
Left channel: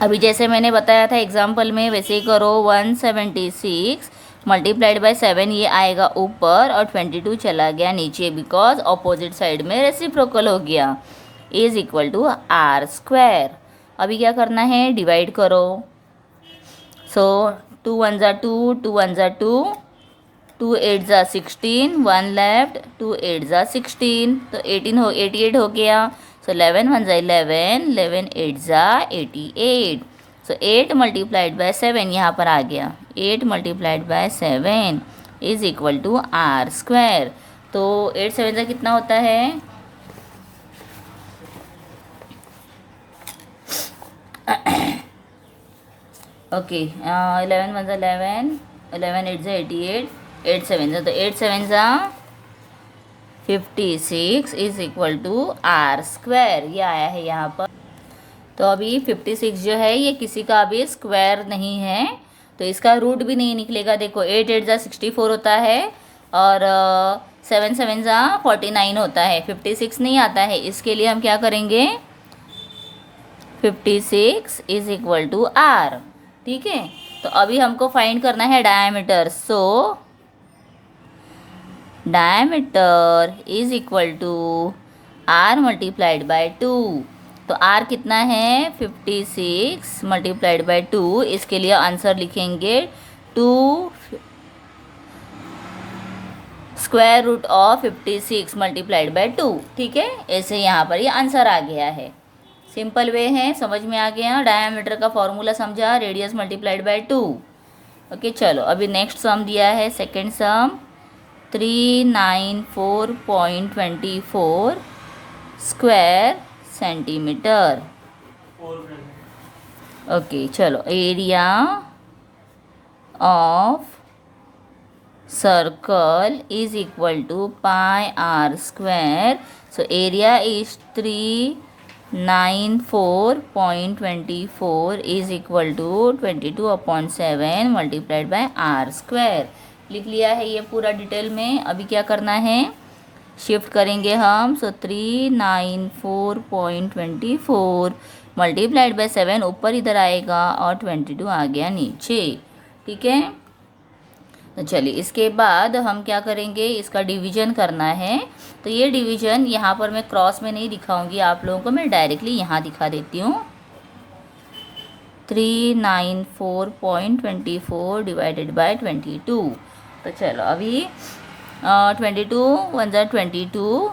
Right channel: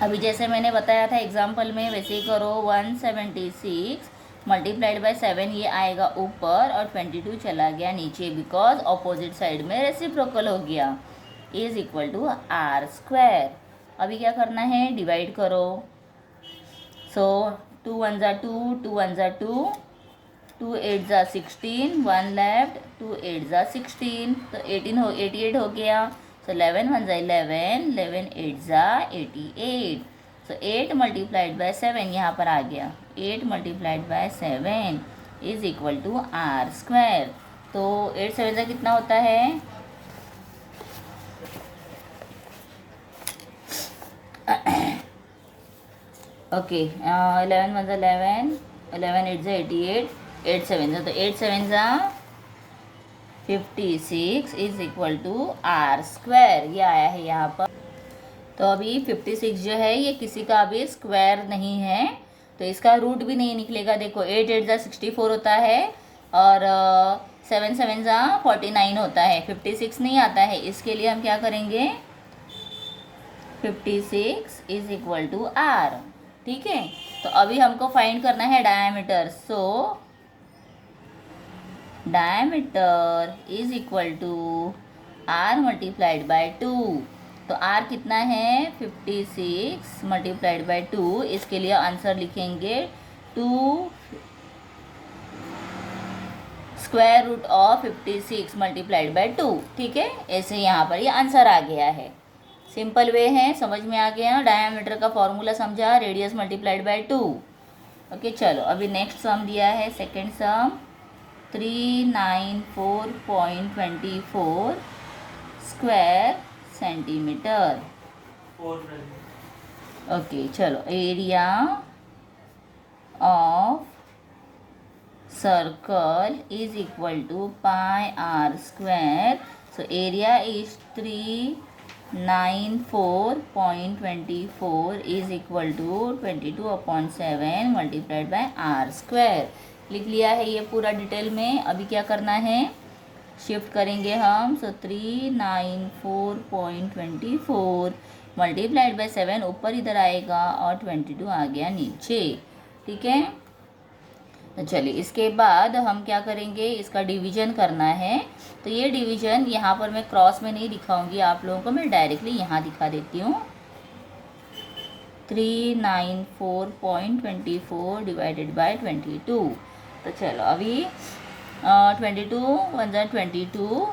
अभी जैसे मैंने बताया था एग्जाम्पल में, वैसे ही करो. 176 मल्टीप्लाइड बाय 7 ये आएगा ऊपर और 22 चला गया नीचे, बिकॉज ऑपोजिट साइड में रेसिप्रोकल हो गया. Is equal to r square. अभी क्या करना है? डिवाइड करो. सो 2 1 ज़ा 2, 2 1 ज़ा 2, 2 8 ज़ा 16, 1 लेफ्ट, 2 8 ज़ा 16, तो 88 हो गया. सो 11 1 ज़ा 11, 11 8 ज़ा 88. सो 8 मल्टीप्लाइड बाय 7 यहाँ पर आ गया. 8 multiplied by 7 is equal to r square. तो 8 7 ज़ा कितना होता है? ओके, 11 1 ज़ा 11, 11 8 ज़ा 88, 8 7 ज़ा, तो 8 7 ज़ा 56 is equal to r square. ये आया है यहाँ पर. तो अभी 56 जो है ये किसी का भी स्क्वायर नहीं है, तो इसका रूट भी नहीं निकलेगा. देखो 8 8 ज़ा 64 होता है और 7 7 ज़ा 49 होता है. 56 नहीं आता है. इसके लिए हम क्या करेंगे? 56 इज इक्वल टू आर. ठीक है, तो अभी हमको फाइंड करना है diameter. So diameter is equal to r multiplied by 2. तो आर कितना है? 56 मल्टीप्लाइड बाय 2. इसके लिए आंसर लिखेंगे 2 square root of 56 multiplied by 2. ठीक है, ऐसे यहाँ पर ये आंसर आ गया है. सिंपल वे है, समझ में आ गया. डायामीटर का फॉर्मूला समझा, रेडियस मल्टीप्लाइड बाय 2. ओके, चलो अभी नेक्स्ट सम दिया है. Second sum 394.24 square centimeter. Okay, चलो area of circle is equal to pi r square. So area is 394.24 is equal to 22/7 multiplied by r square. लिख लिया है ये पूरा डिटेल में. अभी क्या करना है? शिफ्ट करेंगे हम. सो 394.24 मल्टीप्लाइड बाय 7 ऊपर इधर आएगा और 22 आ गया नीचे. ठीक है, तो चलिए इसके बाद हम क्या करेंगे? इसका डिवीजन करना है. तो ये डिवीजन यहाँ पर मैं क्रॉस में नहीं दिखाऊंगी आप लोगों को, मैं डायरेक्टली यहाँ दिखा देती हूँ. 394.24 डिवाइडेड बाय 22। तो चलो अभी 22 1 ज़ा 22,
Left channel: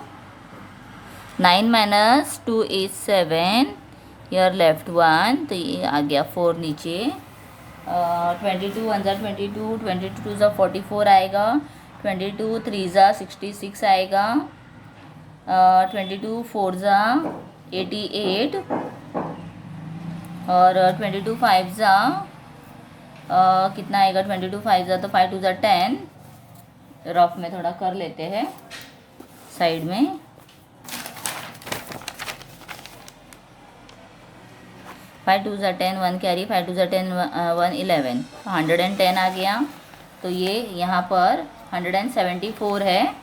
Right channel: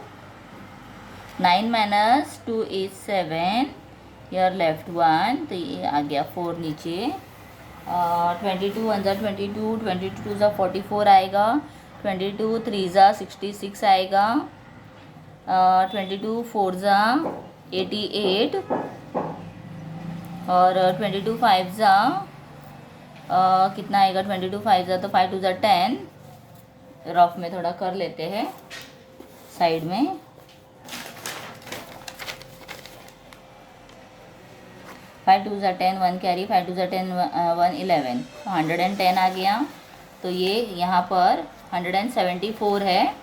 9 माइनस 2 इज 7, यर लेफ्ट 1, तो ये आ गया 4 नीचे। 22 1 ज़ा 22, 22 2 ज़ा 44 आएगा, 22 3 ज़ा 66 आएगा, 22 4 ज़ा 88, और 22 5 ज़ा कितना आएगा, 22 5 ज़ा तो 5 2 ज़ा 10, रफ में थोड़ा कर लेते हैं साइड में। 5 2 ज़ा 10, 1 कैरी, 5 2 ज़ा 10 1 11, तो 110 आ गया। तो ये यहाँ पर 174 है,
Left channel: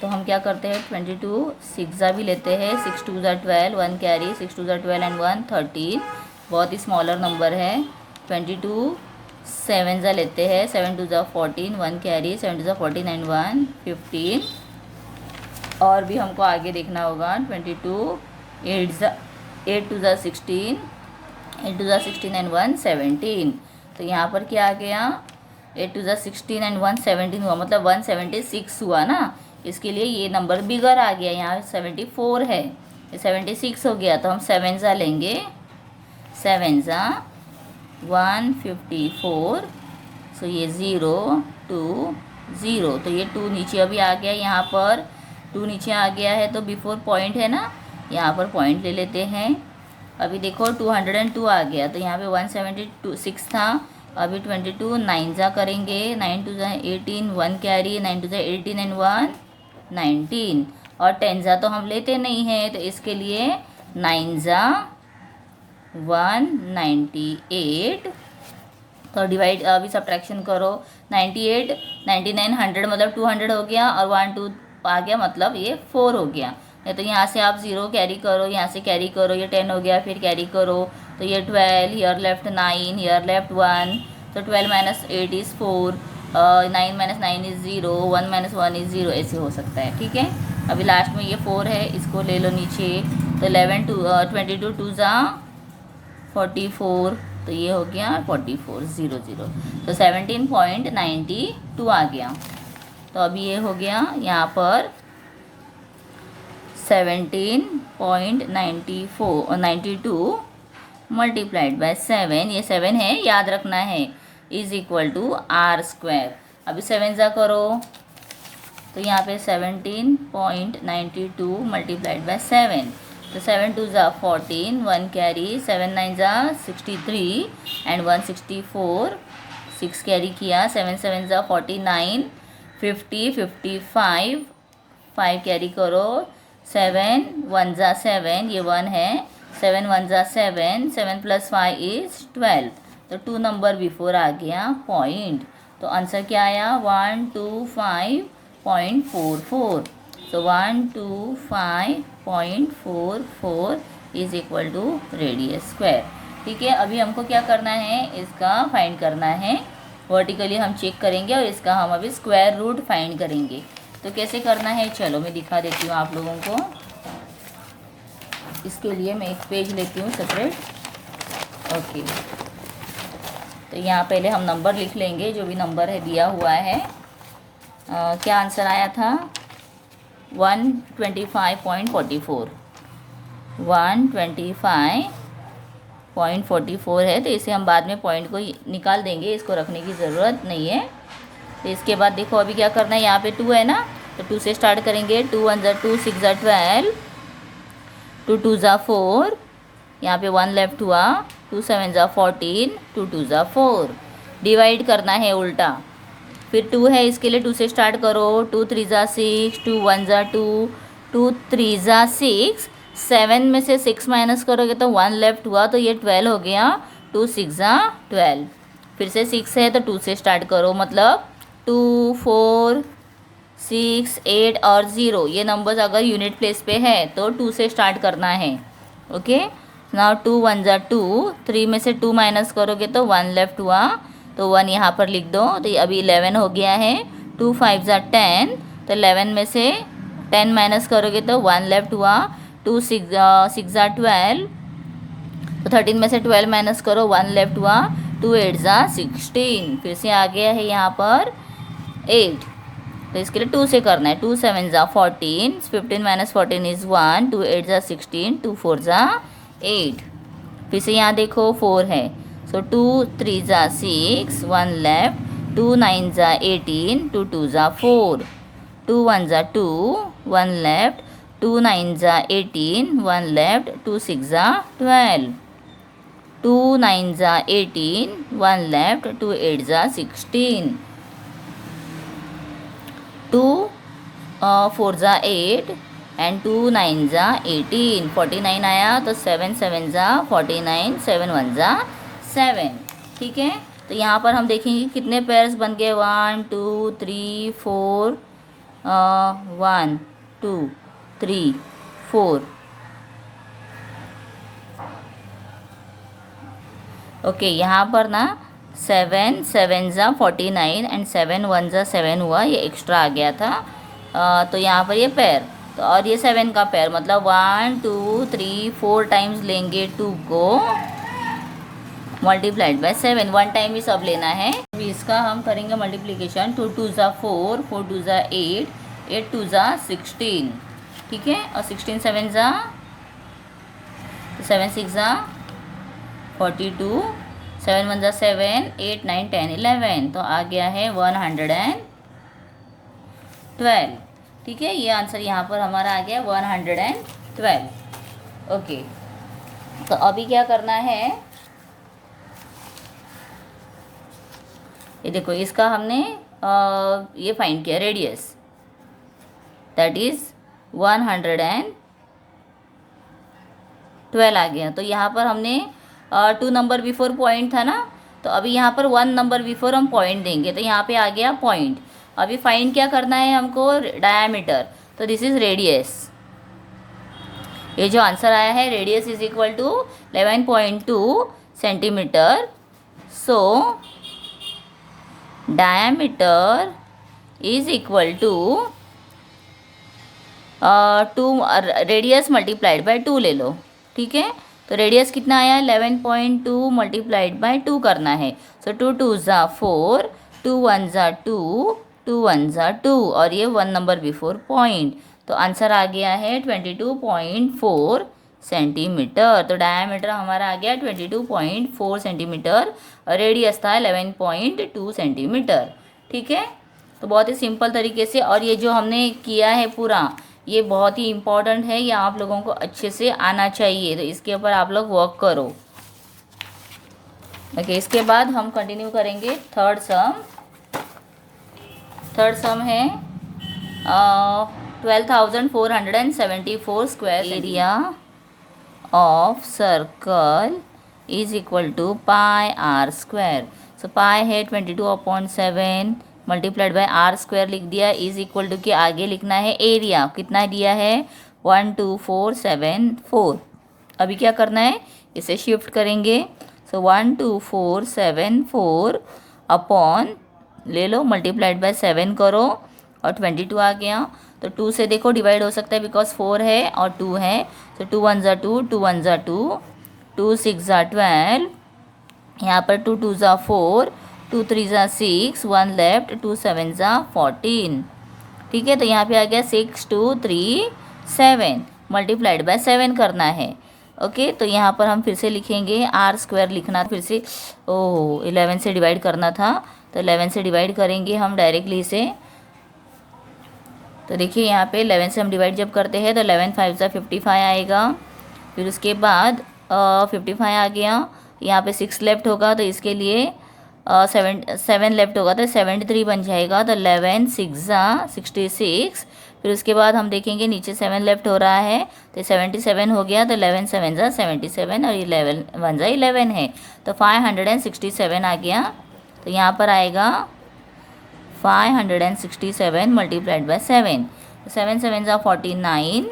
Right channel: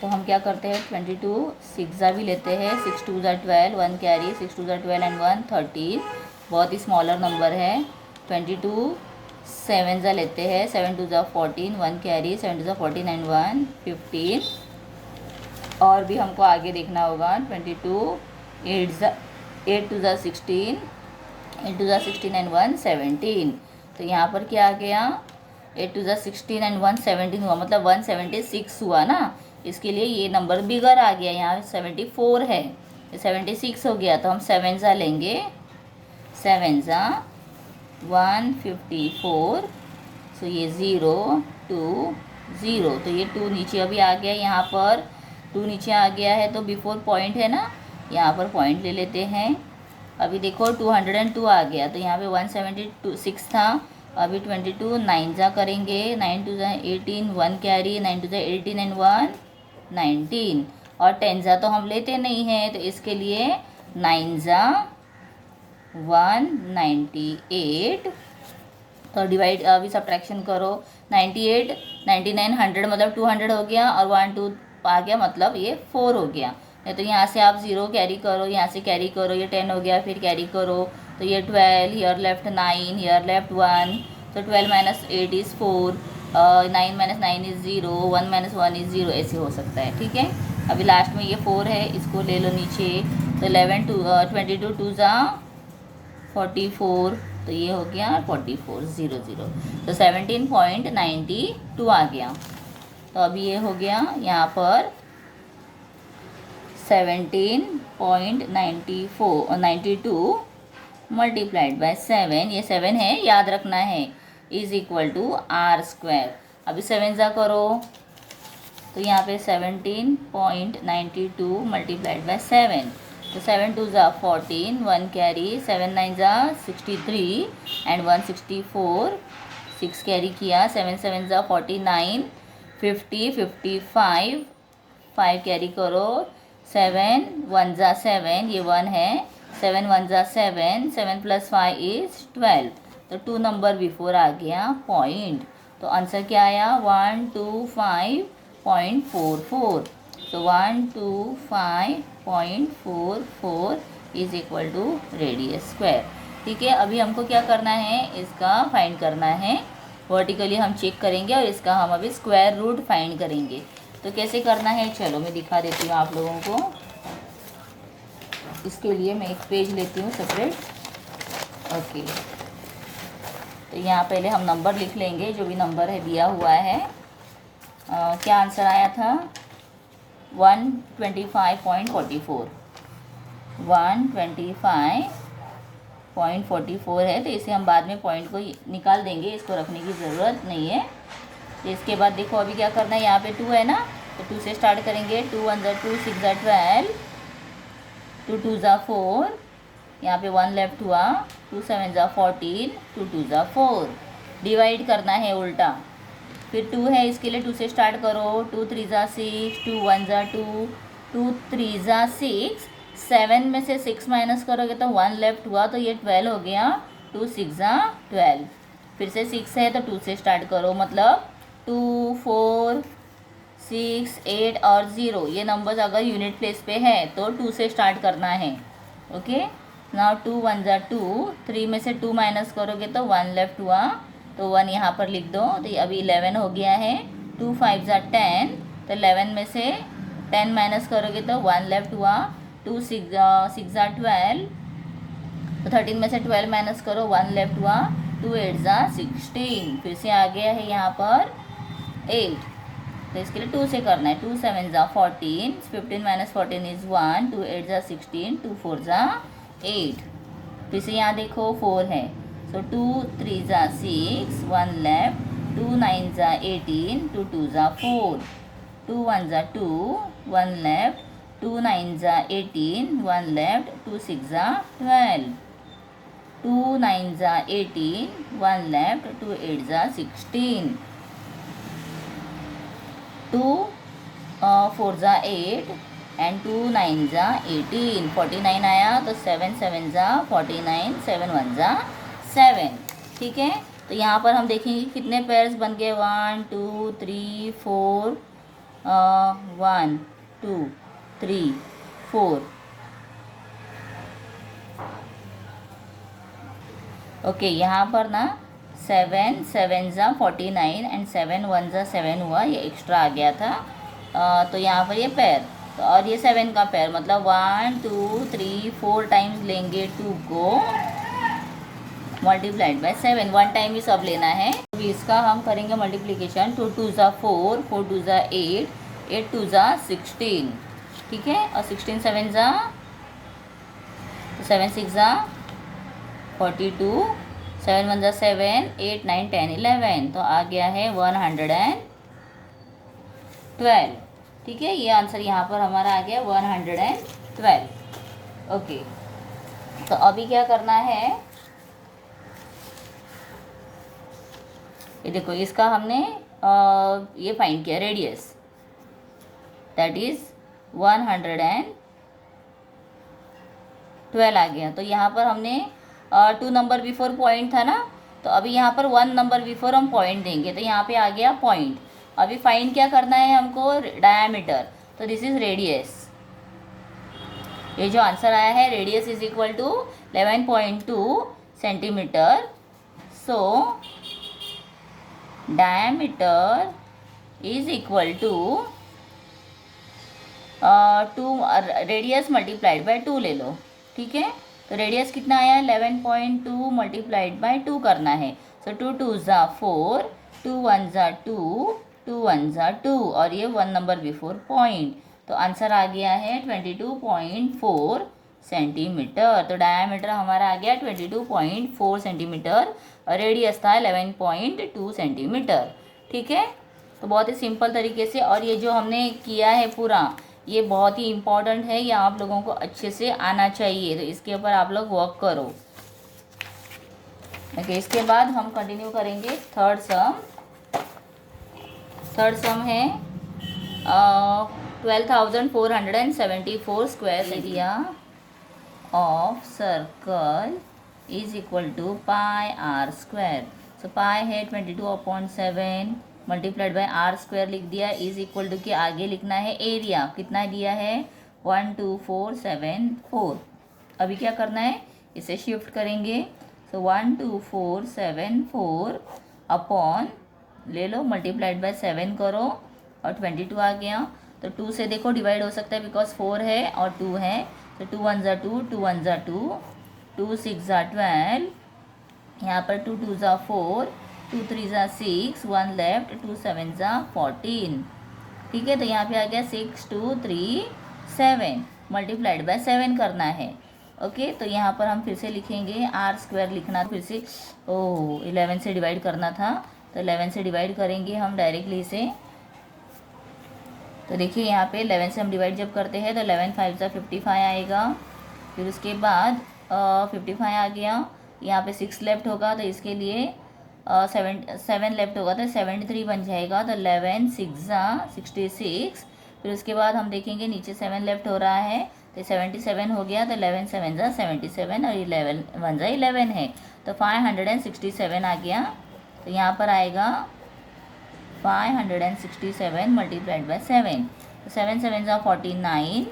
तो हम क्या करते हैं 22 6 ज़ा भी लेते हैं, 6 2 ज़ा 12, 1 कैरी, 6 2 ज़ा 12 एंड 1 13, बहुत ही स्मॉलर नंबर है। 22 7 ज़ा लेते हैं, 7 2 ज़ा 14, 1 कैरी, 7 2 ज़ा 14 एंड 1 15, और भी हमको आगे देखना होगा। 22 8 2 ज़ा 16, 8 2 ज़ा 16 एंड 1 17, तो यहाँ पर क्या आ गया, 8 2 ज़ा 16 एंड 1 17 हुआ, मतलब 176 हुआ ना, इसके लिए ये नंबर बिगर आ गया। यहाँ 74 है, ये 76 हो गया, तो हम 7 ज़ा लेंगे, 7 ज़ा 154, सो ये 0 2 0, तो ये 2 नीचे अभी आ गया, यहाँ पर 2 नीचे आ गया है, तो बिफोर पॉइंट है ना, यहाँ पर पॉइंट ले लेते हैं। अभी देखो 202 आ गया, तो यहाँ पे 176 था, अभी 22 9 ज़ा करेंगे, 9 2 ज़ा 18, 1 कैरी, 9 2 ज़ा 18 एंड 1 19, और 10 ज़ा तो हम लेते नहीं हैं, तो इसके लिए 9 ज़ा 198, तो डिवाइड अभी सब्ट्रैक्शन करो, 98 99 100 मतलब 200 हो गया, और 1 2 आ गया, मतलब ये 4 हो गया। तो यहाँ से आप 0 कैरी करो, यहाँ से कैरी करो, ये 10 हो गया, फिर कैरी करो, तो ये 12, हियर लेफ्ट 9, हियर लेफ्ट 1, तो 12 minus 8 is 4, 9 minus 9 is 0, 1 minus 1 is 0, ऐसे हो सकता है। ठीक है, अभी लास्ट में ये 4 है, इसको ले लो नीचे, तो 11 22 2 ज़ा 44, तो ये हो गया 44 0 0, तो 17.92 आ गया। तो अभी ये हो गया यहाँ पर 17.92 मल्टीप्लाइड बाय 7, ये 7 है, याद रखना है, इज इक्वल टू r²। अभी 7 ज़ा करो, तो यहाँ पे 17.92 मल्टीप्लाइड बाय 7, तो 7 2 ज़ा 14, 1 कैरी, 7 9 ज़ा 63 एंड 164, 6 कैरी किया, 7 7 ज़ा 49, 50 55, 5 कैरी करो, 7 1 ज़ा 7, ये 1 है, 7 1 ज़ा 7, 7 प्लस 5 इज़ 12, तो 2 नंबर बिफोर आ गया पॉइंट, तो आंसर क्या आया 125.44, तो 125.44 is equal to radius square. ठीक है, अभी हमको क्या करना है, इसका फाइंड करना है, वर्टिकली हम चेक करेंगे और इसका हम अभी स्क्वायर रूट फाइंड करेंगे। तो कैसे करना है, चलो मैं दिखा देती हूँ आप लोगों को। इसके लिए मैं एक पेज लेती हूँ सेपरेट। ओके, तो यहाँ पहले हम नंबर लिख लेंगे, जो भी नंबर है दिया हुआ है। क्या आंसर आया था 125.44, 125.44 है, तो इसे हम बाद में पॉइंट को निकाल देंगे, इसको रखने की ज़रूरत नहीं है। तो इसके बाद देखो अभी क्या करना है, यहाँ पे 2 है ना, तो 2 से स्टार्ट करेंगे, 2 1 ज़ा 2, 6 ज़ा 12, 2 2 ज़ा 4, यहाँ पे 1 लेफ्ट हुआ, 2 7 ज़ा 14, 2 2 ज़ा 4, डिवाइड करना है उल्टा, फिर 2 है, इसके लिए 2 से स्टार्ट करो, 2 3 ज़ा 6, 2 1 ज़ा 2, 2 3 ज़ा 6, 7 में से 6 माइनस करोगे तो 1 लेफ्ट हुआ, तो ये 12 हो गया, 2 6 ज़ा 12, फिर से 6 है तो 2 से स्टार्ट करो, मतलब 2 4 6 8 और 0, ये नंबर्स अगर यूनिट प्लेस पे है तो 2 से स्टार्ट करना है। ओके, नाउ 2 1 ज़ा 2, 3 में से 2 माइनस करोगे तो 1 लेफ्ट हुआ, तो 1 यहाँ पर लिख दो, तो अभी 11 हो गया है, 2 5 ज़ा 10, तो 11 में से 10 माइनस करोगे तो 1 लेफ्ट हुआ, 2 6 ज़ा 12, तो 13 में से 12 माइनस करो, 1 लेफ्ट हुआ, 2 8 ज़ा 16, फिर से आ गया है यहाँ पर 8, तो इसके लिए 2 से करना है, 2 7 ज़ा 14, 15 माइनस 14 इज़ 1, 2 8 ज़ा 16, 2 4 ज़ा 8, फिर से यहाँ देखो 4 है, सो 2 3 ज़ा 6, 1 लेफ्ट, 2 9 ज़ा 18, 2 2 ज़ा 4, 2 1 ज़ा 2, 1 लेफ्ट, 2 9 ज़ा 18, 1 लेफ्ट, 2 6 ज़ा 12, 2 9 ज़ा 18, 1 लेफ्ट, 2 8 ज़ा 16, 2 4 ज़ा 8 एंड 2 9 ज़ा 18, 49 आया, तो 7 7 ज़ा 49, 7 1 ज़ा 7, ठीक है। तो यहाँ पर हम देखेंगे कितने पेयर्स बन गए, 1 2 3 4, 1 2 3 4, ओके। यहाँ पर ना 7 7 ज़ा 49 एंड 7 1 ज़ा 7 हुआ, ये एक्स्ट्रा आ गया था, तो यहाँ पर ये पेयर, तो और ये 7 का पेयर, मतलब 1 2 3 4 टाइम्स लेंगे 2 को, मल्टीप्लाइड बाय 7, 1 टाइम ही सब लेना है। अभी इसका हम करेंगे मल्टीप्लिकेशन, 2 2 ज़ा 4, 4 2 ज़ा 8, 8 2 ज़ा 16, ठीक है, और 16 7 ज़ा 7 6 ज़ा 42, 7 1 ज़ा 7, 8 9 10 11, तो आ गया है 112, ठीक है। ये आंसर यहाँ पर हमारा आ गया 112, ओके। तो अभी क्या करना है, ये देखो, इसका हमने ये फाइंड किया रेडियस, दैट इज 112 आ गया। तो यहाँ पर हमने 2 नंबर बिफोर पॉइंट था ना, तो अभी यहाँ पर 1 नंबर बिफोर हम पॉइंट देंगे, तो यहाँ पे आ गया पॉइंट। अभी फाइंड क्या करना है हमको, डायामीटर, तो दिस इज रेडियस, ये जो आंसर आया है radius is equal to 11.2 centimeter, so diameter is equal to 2 radius multiplied by 2 ले लो, ठीक है। तो रेडियस कितना आया, 11.2 मल्टीप्लाइड बाय 2 करना है, सो 2 2 ज़ा 4, 2 1 ज़ा 2, 2 1 ज़ा 2, और ये 1 नंबर बिफोर पॉइंट, तो आंसर आ गया है 22.4 सेंटीमीटर। तो डायामीटर हमारा आ गया 22.4 सेंटीमीटर, और रेडियस था 11.2 सेंटीमीटर, ठीक है। तो बहुत ही सिंपल तरीके से, और ये जो हमने किया है पूरा, ये बहुत ही इम्पॉर्टेंट है, ये आप लोगों को अच्छे से आना चाहिए, तो इसके ऊपर आप लोग वर्क करो, ओके। इसके बाद हम कंटिन्यू करेंगे थर्ड सम। थर्ड सम है 12,474 square area of circle is equal to pi r square. So pi है 22/7 मल्टीप्लाइड बाय आर स्क्वायर लिख दिया, इज इक्वल टू के आगे लिखना है एरिया, कितना दिया है 12474। अभी क्या करना है, इसे शिफ्ट करेंगे, सो 12474 अपॉन ले लो, मल्टीप्लाइड बाय 7 करो, और 22 आ गया। तो 2 से देखो डिवाइड हो सकता है, बिकॉज 4 है और 2 है, तो 2 1 ज़ा 2, 2 1 ज़ा 2, 2 6 ज़ा 12, यहाँ पर 2 2 ज़ा 4, 2 3 ज़ा 6, 1 लेफ्ट, 2 7 ज़ा 14, ठीक है। तो यहाँ पे आ गया 6 2 3 7, मल्टीप्लाइड बाय 7 करना है, ओके। तो यहाँ पर हम फिर से लिखेंगे, आर स्क्वायर लिखना, फिर से 11 से डिवाइड करना था, तो 11 से डिवाइड करेंगे हम डायरेक्टली इसे। तो देखिए यहाँ पे 11 से हम डिवाइड जब करते हैं तो 11 5 ज़ा 55 आएगा, फिर उसके बाद 55 आ गया, यहाँ पे 6 लेफ्ट होगा, तो इसके लिए 7 लेफ्ट होगा, तो 73 बन जाएगा, तो 11 6 ज़ा 66, फिर उसके बाद हम देखेंगे नीचे 7 लेफ्ट हो रहा है, तो 77 हो गया, तो 11 7 ज़ा 77, और 11 1 ज़ा 11 है, तो 567 आ गया। तो यहाँ पर आएगा 567 मल्टीप्लाइड बाय 7, 7 7 ज़ा 49,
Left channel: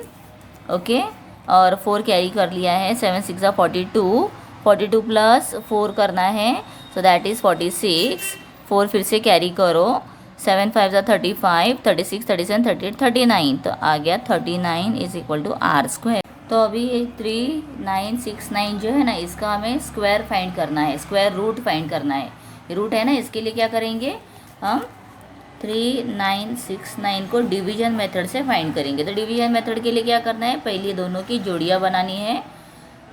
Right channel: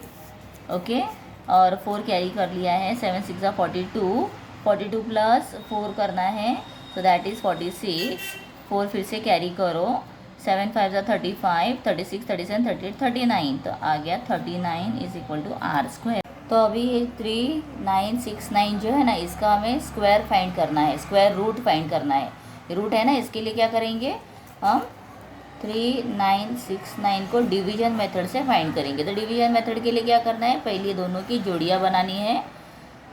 ओके, और 4 कैरी कर लिया है, 7 6 ज़ा 42, 42 प्लस 4 करना है, सो दैट इज़ 46, 4 फिर से कैरी करो, 7 5 ज़ा 35, 36 37 38 39, तो आ गया 39 is equal to r square. तो अभी 3969 जो है ना, इसका हमें स्क्वायर फाइंड करना है, स्क्वायर रूट फाइंड करना है। रूट है ना, इसके लिए क्या करेंगे हम, 3969 को डिवीजन मेथड से फाइंड करेंगे। तो डिवीजन मेथड के लिए क्या करना है, पहले दोनों की जोड़ियाँ बनानी है।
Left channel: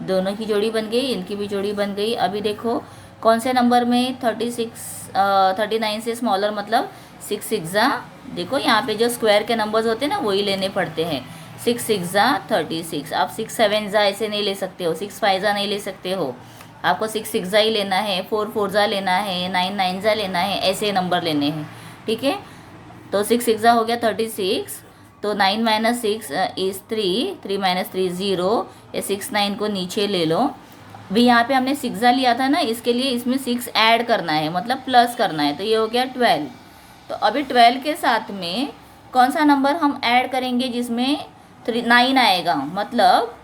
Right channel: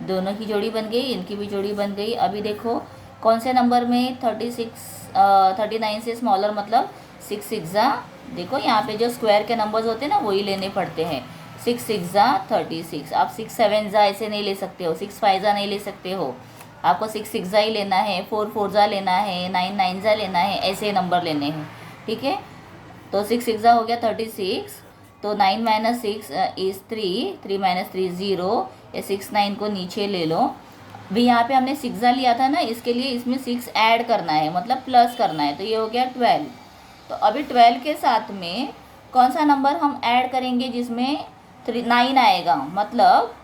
दोनों की जोड़ी बन गई, इनकी भी जोड़ी बन गई। अभी देखो कौन से नंबर में 39 से स्मॉलर, मतलब 6 6 जा, देखो यहाँ पे जो स्क्वायर के नंबर्स होते हैं ना वही लेने पड़ते हैं। 6 6 जा 36, आप 6 7 जा ऐसे नहीं ले सकते हो, 6 5 जा नहीं ले सकते हो, आपको 6 6 जा ही लेना है, 4 4 जा लेना है, 9 9 जा लेना है, ऐसे नंबर लेने हैं। ठीक है, तो 6 6 जा हो गया 36, तो 9 माइनस 6 इज़ 3, 3 माइनस 3 0, ये 6 9 को नीचे ले लो। भी यहाँ पे हमने 6 जा लिया था ना, इसके लिए इसमें 6 ऐड करना है, मतलब प्लस करना है, तो ये हो गया 12। तो अभी 12 के साथ में कौन सा नंबर हम ऐड करेंगे जिसमें 9 आएगा, मतलब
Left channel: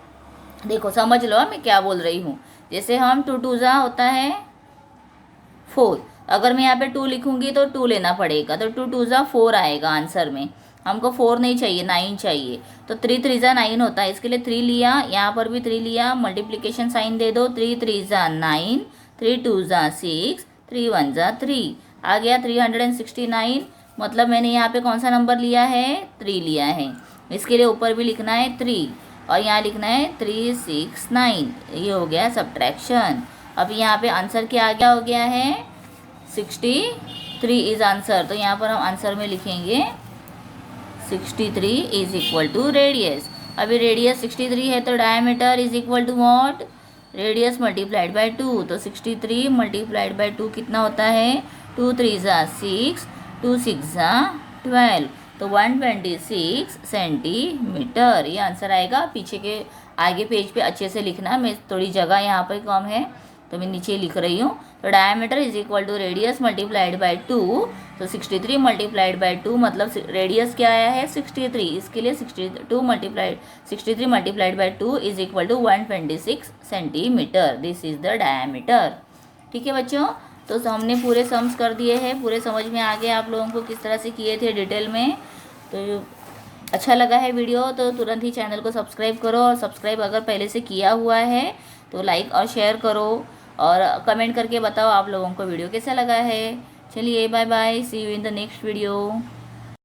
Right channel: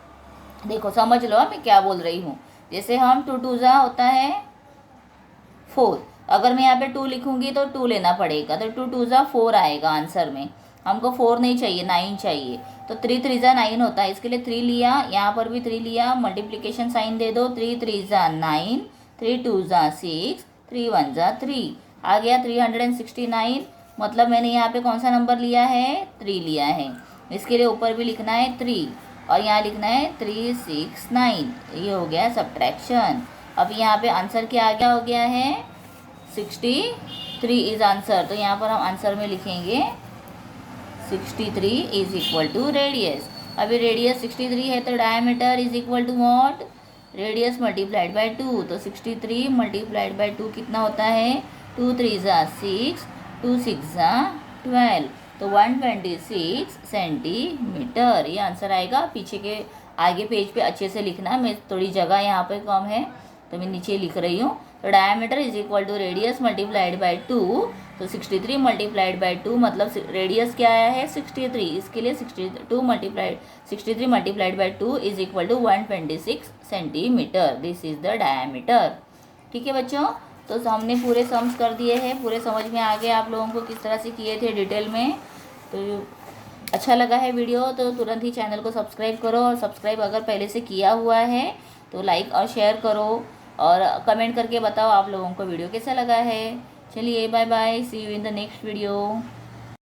देखो समझ लो मैं क्या बोल रही हूँ। जैसे हम 2 2 जा होता है 4, अगर मैं यहाँ पे 2 लिखूंगी तो 2 लेना पड़ेगा, तो 2 2 जा 4 आएगा आंसर में। हमको 4 नहीं चाहिए, 9 चाहिए, तो 3 3 जा 9 होता है, इसके लिए 3 लिया, यहाँ पर भी 3 लिया, मल्टीप्लिकेशन साइन दे दो, 3 3 जा 9, 3 2 जा 6, 3 1 जा 3, आ गया 369। मतलब मैंने यहाँ पे कौन सा नंबर लिया है, 3 लिया है। इसके लिए ऊपर भी लिखना है 3 और यहाँ लिखना है 369, ये हो गया सब्ट्रैक्शन। अब यहाँ पे आंसर क्या आ गया, हो गया है 63 इज आंसर। तो यहाँ पर हम आंसर में लिखेंगे 63 इज इक्वल टू रेडियस। अभी रेडियस 63 है तो diameter is equal to what, radius multiplied by 2। तो 63 मल्टीप्लाइड बाय 2 कितना होता है, 2 3 जा 6, 2 6 जा 12, तो 126 सेंटीमीटर, ये आंसर आएगा। पीछे के आगे पेज पे अच्छे से लिखना, मैं थोड़ी जगह यहाँ पे कम है तो मैं नीचे लिख रही हूँ। तो diameter is equal to radius multiplied by 2, तो 63 मल्टीप्लाइड बाय 2, मतलब रेडियस क्या आया है 63, इसके लिए 63 multiplied by 2 is equal to 126 centimeter, this is the diameter. ठीक है बच्चों, तो हमने पूरे सम्स कर दिए हैं, पूरे समझ में आ गए आप लोगों को किस तरह से किए थे डिटेल में। तो अच्छा लगा है वीडियो तो तुरंत ही चैनल को सब्सक्राइब करो, और सब्सक्राइब अगर पहले से किया हुआ है तो लाइक और शेयर करो, और कमेंट करके बताओ आप लोगों को वीडियो कैसा लगा है। चलिए bye bye, see you in the next video.